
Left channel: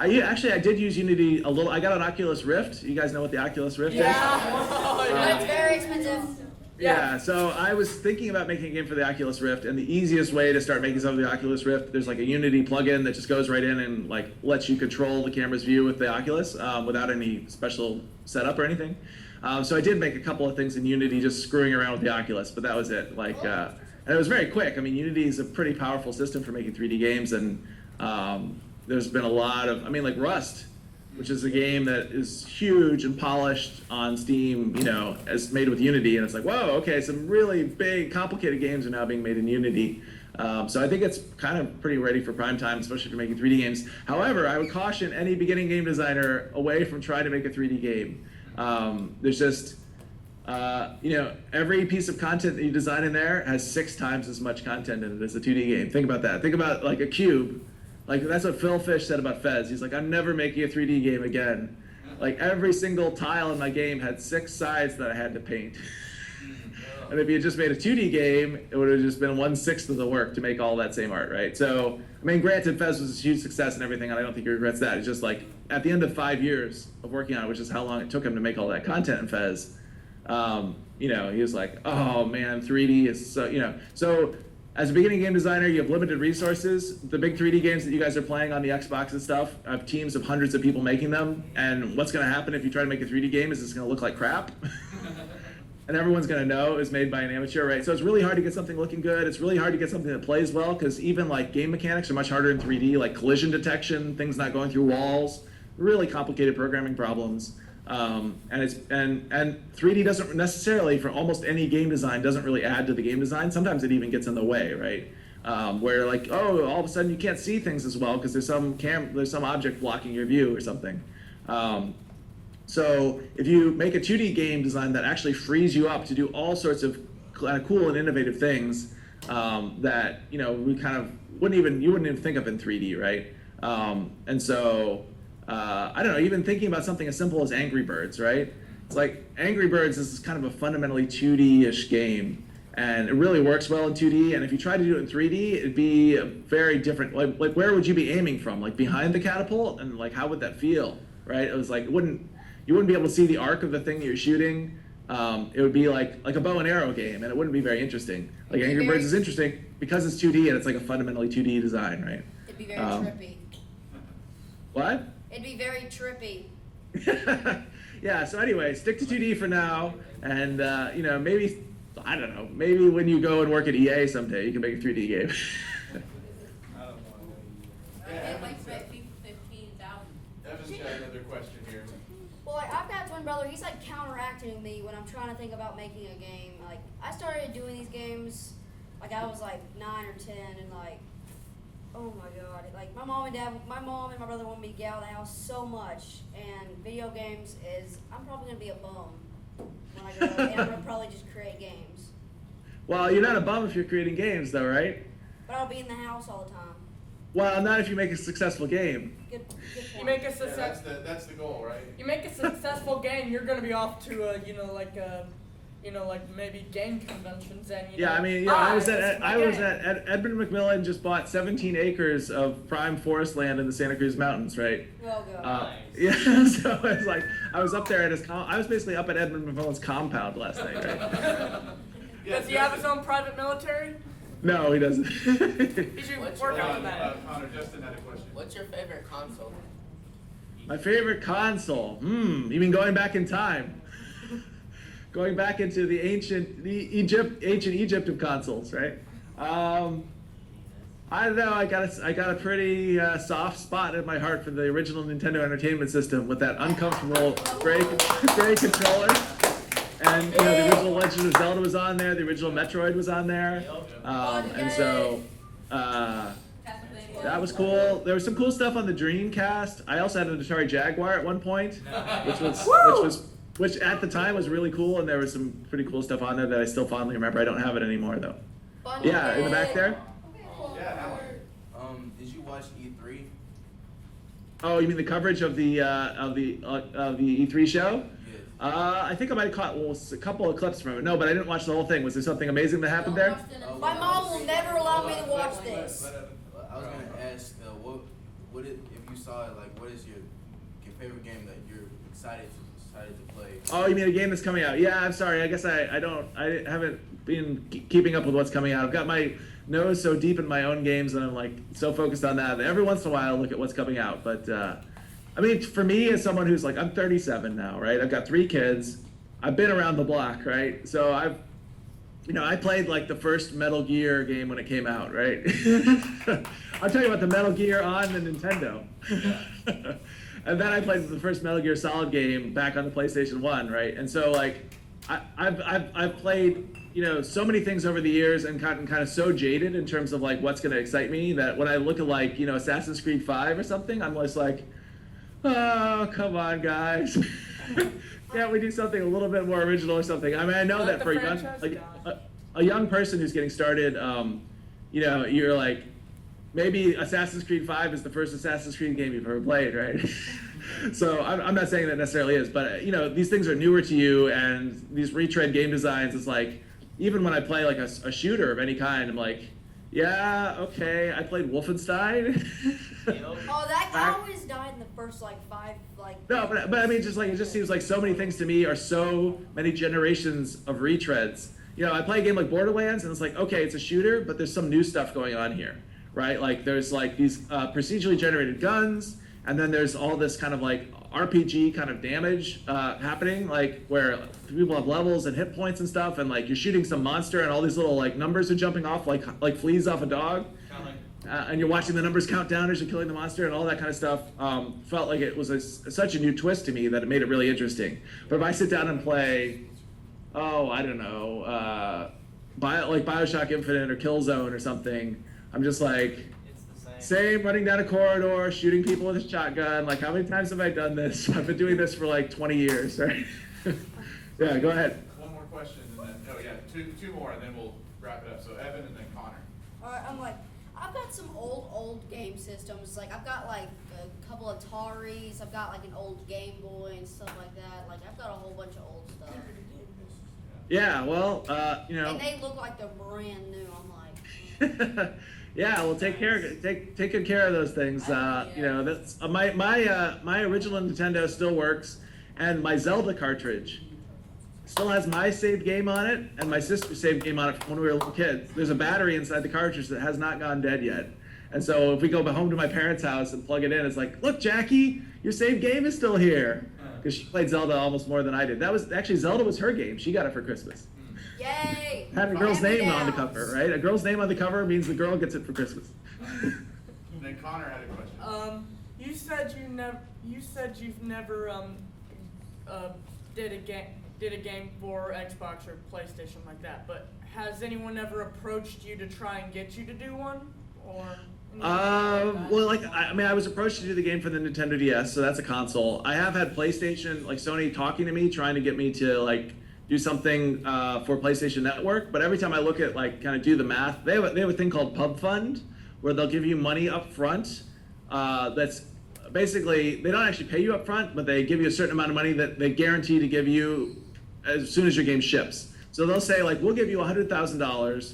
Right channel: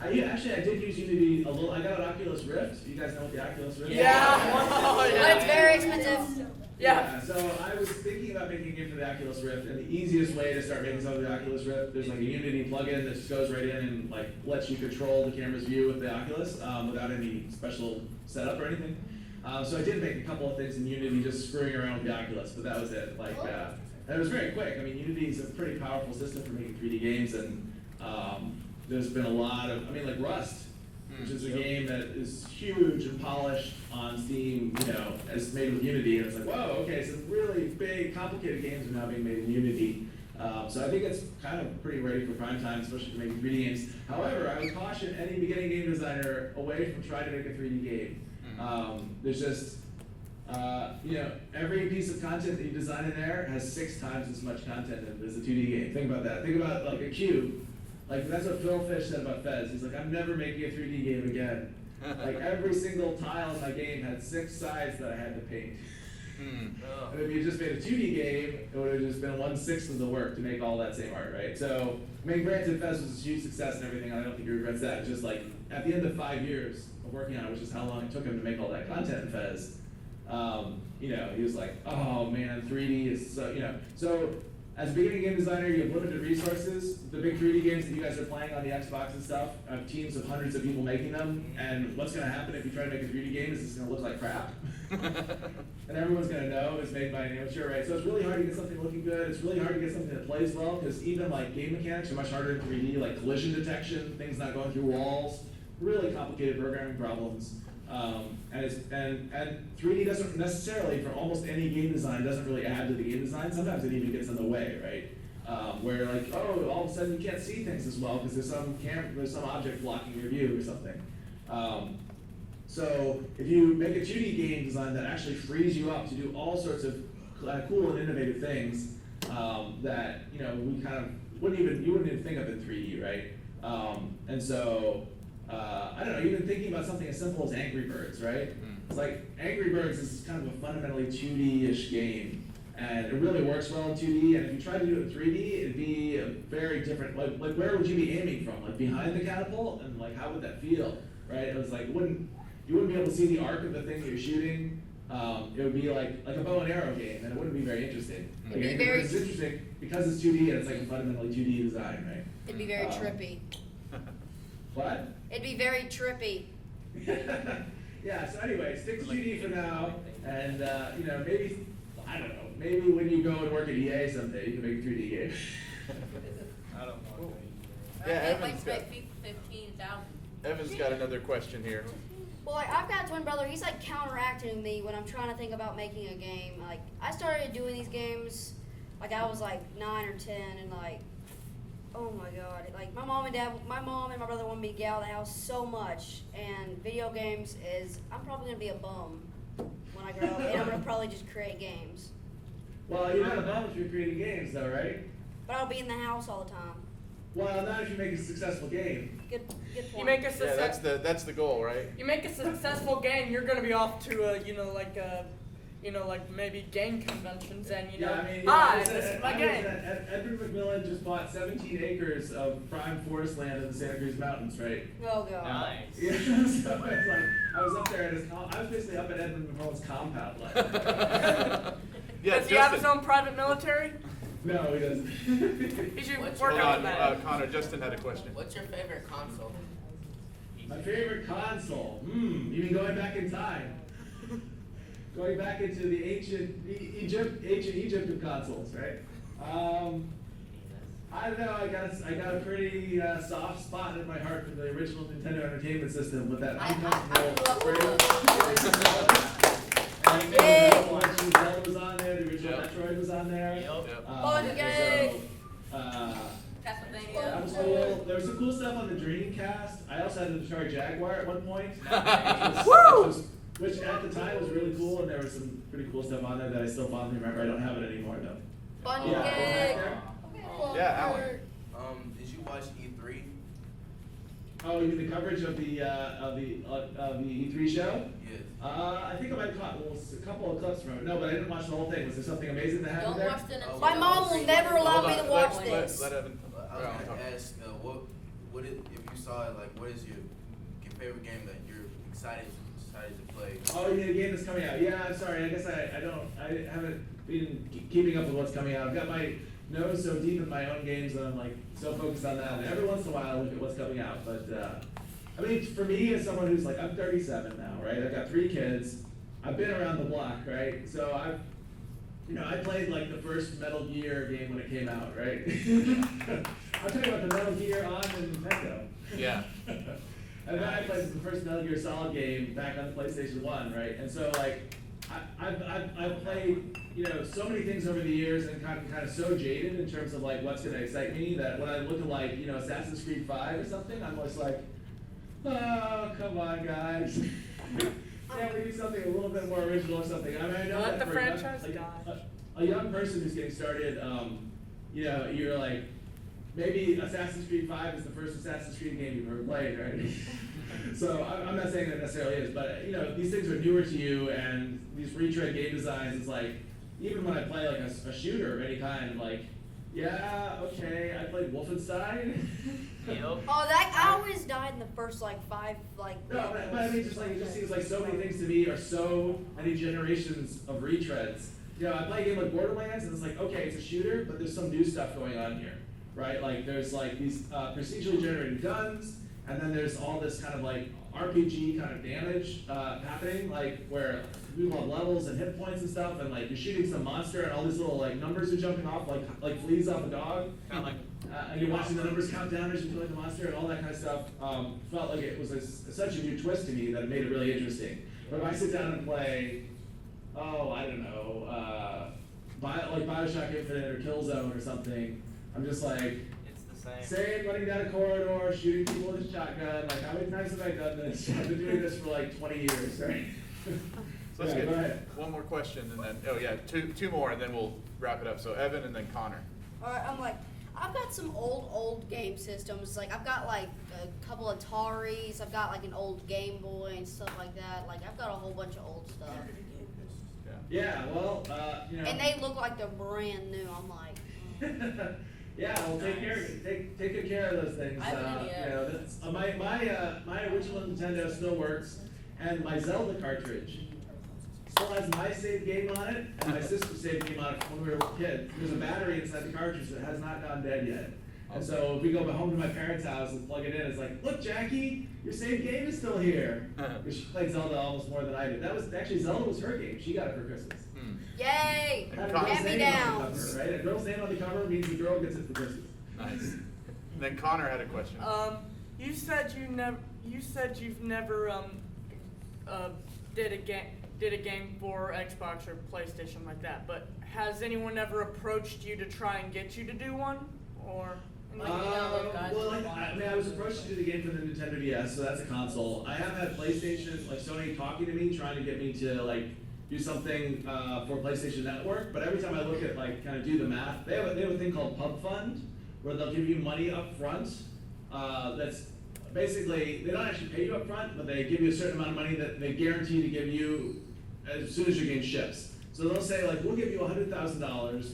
I did use Unity a little. I got an Oculus Rift. You guys know what the Oculus Rift is? Yeah! But it's very expensive. Yeah, so I was thinking about making a game for the Oculus Rift, and the easiest way to start making something for the Oculus Rift, there's like a Unity plugin that just goes right in and like lets you control the camera's view with the Oculus without any special setup or anything. So I did make a couple of things in Unity just screwing around with the Oculus, but that was it. And it was very quick. I mean, Unity is a pretty powerful system for making 3D games, and there's been a lot of, like Rust, which is a game that is huge and polished on Steam, as made with Unity, and it's like, whoa, okay, some really big, complicated games are now being made in Unity. So I think it's kind of pretty ready for prime time, especially for making 3D games. However, I would caution any beginning game designer away from trying to make a 3D game. There's just, every piece of content that you design in there has 6 times as much content in it as a 2D game. Think about that. Think about like a cube. Like that's what Phil Fish said about Fez. He's like, I'm never making a 3D game again. Like every single tile in my game had 6 sides that I had to paint. And if you had just made a 2D game, it would have just been 1/6 of the work to make all that same art, right? So, granted, Fez was a huge success and everything, and I don't think he regrets that. It's just like, at the end of 5 years of working on it, which is how long it took him to make all that content in Fez, he was like, oh man, 3D is so, So, as a beginning game designer, you have limited resources. The big 3D games that you guys are playing on the Xbox and stuff have teams of hundreds of people making them, and what's gonna happen if you try to make a 3D game is it's gonna look like crap. And everyone's gonna know it's made by an amateur, right? So it's really hard to get something looking good. It's really hard to get something that plays well, because even like game mechanics are much harder in 3D, like collision detection, things not going through walls, really complicated programming problems. And 3D doesn't necessarily, for almost any game design, doesn't really add to the game design. Sometimes it even gets in the way, right? Where like, oh, all of a sudden you can't see things as well because there's some object blocking your view or something. So if you make a 2D game design that actually frees you up to do all sorts of cool and innovative things that we kind of you wouldn't even think of in 3D, right? And so I don't know, even thinking about something as simple as Angry Birds, right? It's like Angry Birds is kind of a fundamentally 2D-ish game, and it really works well in 2D. And if you try to do it in 3D, it'd be a very different. Like where would you be aiming from? Like behind the catapult, and like how would that feel, right? It was like you wouldn't be able to see the arc of the thing you're shooting. it would be like a bow and arrow game, and it wouldn't be very interesting. Like It'd be Angry very- Birds is interesting because it's 2D and it's like a fundamentally 2D design, right? It'd be very Um, trippy. What? It'd be very trippy. Yeah, so anyway, stick to 2D for now, and you know, maybe, I don't know, maybe when you go and work at EA someday, you can make a 3D game. I don't want Yeah, I'd like Evan's to got, make people 15,000. Evan's got another question here. Well, like, I've got a twin brother. He's like counteracting me when I'm trying to think about making a game. Like, I started doing these games, like I was like 9 or 10, and like, oh my god, like my mom and my brother wanted me to get out of the house so much. And video games I'm probably gonna be a bum when I grow up, and I'm gonna probably just create games. Well, you're not a bum if you're creating games, though, right? But I'll be in the house all the time. Well, not if you make a successful game. Good point. You make a Yeah, success. that's the goal, right? You make a successful game, you're gonna be off to like maybe game conventions and Yeah, I mean, this is my I was game." at Edmund McMillan just bought 17 acres of prime forest land in the Santa Cruz Mountains, right? Oh god. Nice. Yeah, so it's like I was up there at I was basically up at Edmund McMillan's compound last night. Right? Yeah, Does he have his Justin- own private military? No, he doesn't. He should What's work your- on that. Connor, Justin had a question. What's your favorite console? My favorite console. You mean going back in time? Going back into the ancient Egypt of consoles, right? I don't know. I got a pretty soft spot in my heart for the original Nintendo Entertainment System with that uncomfortable gray controller. And the original Legend of Zelda was on there. The original Metroid was on there. And so Castlevania. that was cool. There was some cool stuff on the Dreamcast. I also had an Atari Jaguar at one point, which at the time was really cool, and there was some pretty cool stuff on there that I still fondly remember. I don't have it anymore though. Fun Yeah, in the back game. there. Yeah, Alan. Did you watch E3? Oh, you mean the coverage of the E3 show? Yes. I think I might have caught a couple of clips from it. No, but I didn't watch the whole thing. Was there something amazing that happened there? My mom will never allow me to watch Let this. Evan- I was gonna ask, what if you saw it, like, what is your favorite game that you're excited to play? Oh, you mean a game that's coming out? Yeah, I'm sorry. I guess I haven't been keeping up with what's coming out. I've got my nose so deep in my own games that I'm like so focused on that. And every once in a while, I look at what's coming out. But I mean, for me, as someone who's like, I'm 37 now, right? I've got 3 kids. I've been around the block, right? So I played like the first Metal Gear game when it came out, right? I'll tell you about the Metal Gear on the Nintendo. Yeah. And then I played the first Metal Gear Solid game back on the PlayStation 1, right? And so like, I've played, so many things over the years and gotten kind of so jaded in terms of like what's gonna excite me that when I look at like, Assassin's Creed 5 or something, I'm just like, oh, come on guys. Can't we do something a little bit more original or something? I mean, I know Let that the for franchise die. a young person who's getting started, you're like, maybe Assassin's Creed 5 is the first Assassin's Creed game you've ever played, right? So I'm not saying that necessarily is, but these things are newer to you, and these retread game designs, it's like, even when I play like a shooter of any kind, I'm like, yeah, okay, I played Wolfenstein. Oh, I always died in the first like 5 like. No, but I mean, just like, it just seems like so many things to me are so many generations of retreads. I play a game like Borderlands, and it's like, okay, it's a shooter, but there's some new stuff going on here, right? Like, there's like these procedurally generated guns, and then there's all this kind of like RPG kind of damage happening, like where people have levels and hit points and stuff, and like you're shooting some monster, and all these little like numbers are jumping off like fleas off a dog. Kind of like. And you're watching the numbers count down as you're killing the monster and all that kind of stuff. Felt like it was such a new twist to me that it made it really interesting. But if I sit down and play, I don't know, like Bioshock Infinite or Killzone or something, I'm just like, It's the same. running down a corridor, shooting people with a shotgun. Like, how many times have I done this? I've been doing this for like 20 years, right? Yeah, go ahead. One more question, and then two more, and then we'll wrap it up. So Evan and then Connor. Alright, I'm like, I've got some old game systems. Like, I've got like a couple Ataris. I've got like an old Game Boy and stuff like that. Like, I've got a whole bunch of old stuff. Yeah, well, And they look like they're brand new. I'm like, Yeah, well, take good care of those things. That's my original Nintendo still works, and my Zelda cartridge still has my saved game on it and my sister's saved game on it from when we were little kids. There's a battery inside the cartridge that has not gone dead yet. And so if we go home to my parents' house and plug it in, it's like, look, Jackie, your saved game is still here. Because she played Zelda almost more than I did. That was actually, Zelda was her game. She got it for Christmas. Yay! Had a girl's name on the Hand-me-downs. cover, right? A girl's name on the cover means the girl gets it for Christmas. Nice. And then Connor had a question. You said you've never did a game for Xbox or PlayStation like that. But has anyone ever approached you to try and get you to do one, or? Well, like, I was approached to do the game for the Nintendo DS, so that's a console. I have had PlayStation, like Sony talking to me, trying to get me to like do something for PlayStation Network, but every time I look at like kind of do the math, they have a thing called Pub Fund, where they'll give you money up front. That's basically, they don't actually pay you up front, but they give you a certain amount of money that they guarantee to give you as soon as your game ships. So they'll say like, we'll give you $100,000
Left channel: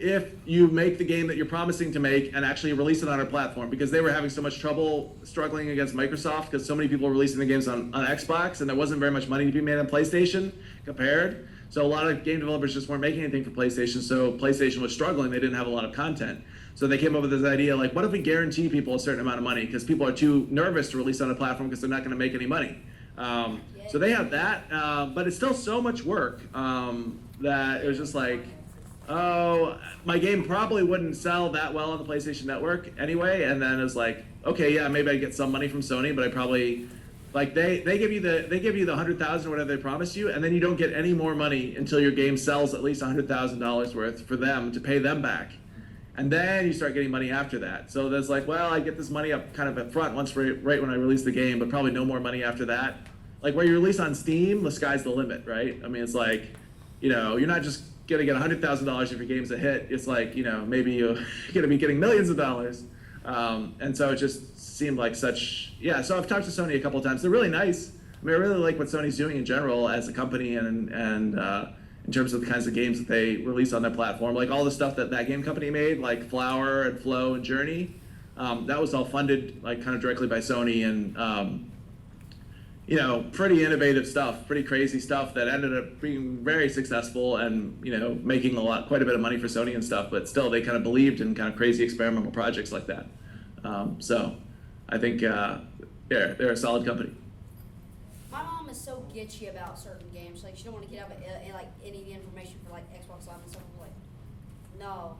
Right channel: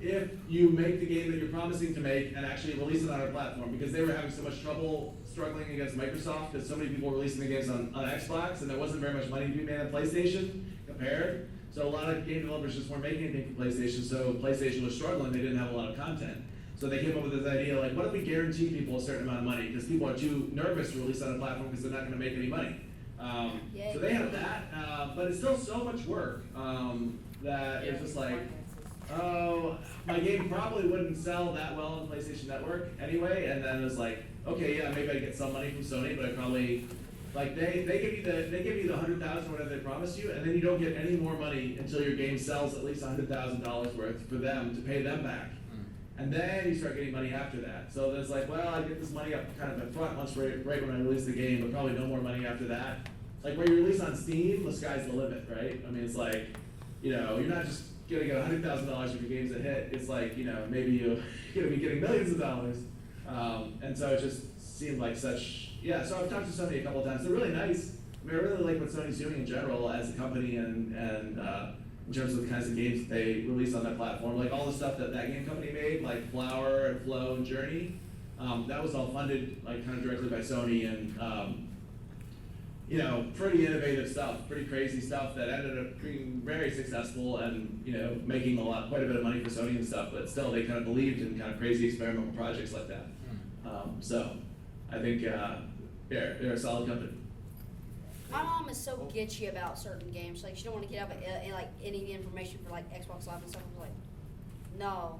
if you make the game that you're promising to make and actually release it on our platform, because they were having so much trouble struggling against Microsoft because so many people were releasing the games on Xbox and there wasn't very much money to be made on PlayStation compared. So a lot of game developers just weren't making anything for PlayStation, so PlayStation was struggling, they didn't have a lot of content. So they came up with this idea like, what if we guarantee people a certain amount of money? Because people are too nervous to release on a platform because they're not gonna make any money. So they have that, but it's still so much work that it was just like, oh, my game probably wouldn't sell that well on the PlayStation Network anyway, and then it was like, okay, yeah, maybe I get some money from Sony, but I probably, like they give you the $100,000 or whatever they promise you, and then you don't get any more money until your game sells at least $100,000 worth for them to pay them back. And then you start getting money after that. So there's like, well, I get this money up kind of up front right when I release the game, but probably no more money after that. Like where you release on Steam, the sky's the limit, right? I mean, it's like, you're not just gonna get $100,000 if your game's a hit. It's like, maybe you're gonna be getting millions of dollars. And so it just seemed like such, yeah, so I've talked to Sony a couple of times. They're really nice. I mean, I really like what Sony's doing in general as a company and in terms of the kinds of games that they release on their platform. Like all the stuff that game company made, like Flower and Flow and Journey, that was all funded like kind of directly by Sony and pretty innovative stuff, pretty crazy stuff that ended up being very successful and, making quite a bit of money for Sony and stuff, but still they kind of believed in kind of crazy experimental projects like that. So I think they're a solid company. My mom is so gitchy about certain games. Like she don't want to get out like any information for like Xbox Live and stuff. I'm like, no.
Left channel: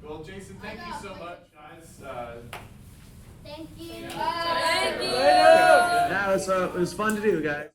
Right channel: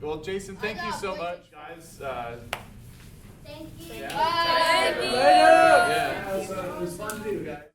Well, Jason, thank you so much, guys. Thank you. Yeah. Thank you. Later. Yeah, it was fun to do, guys.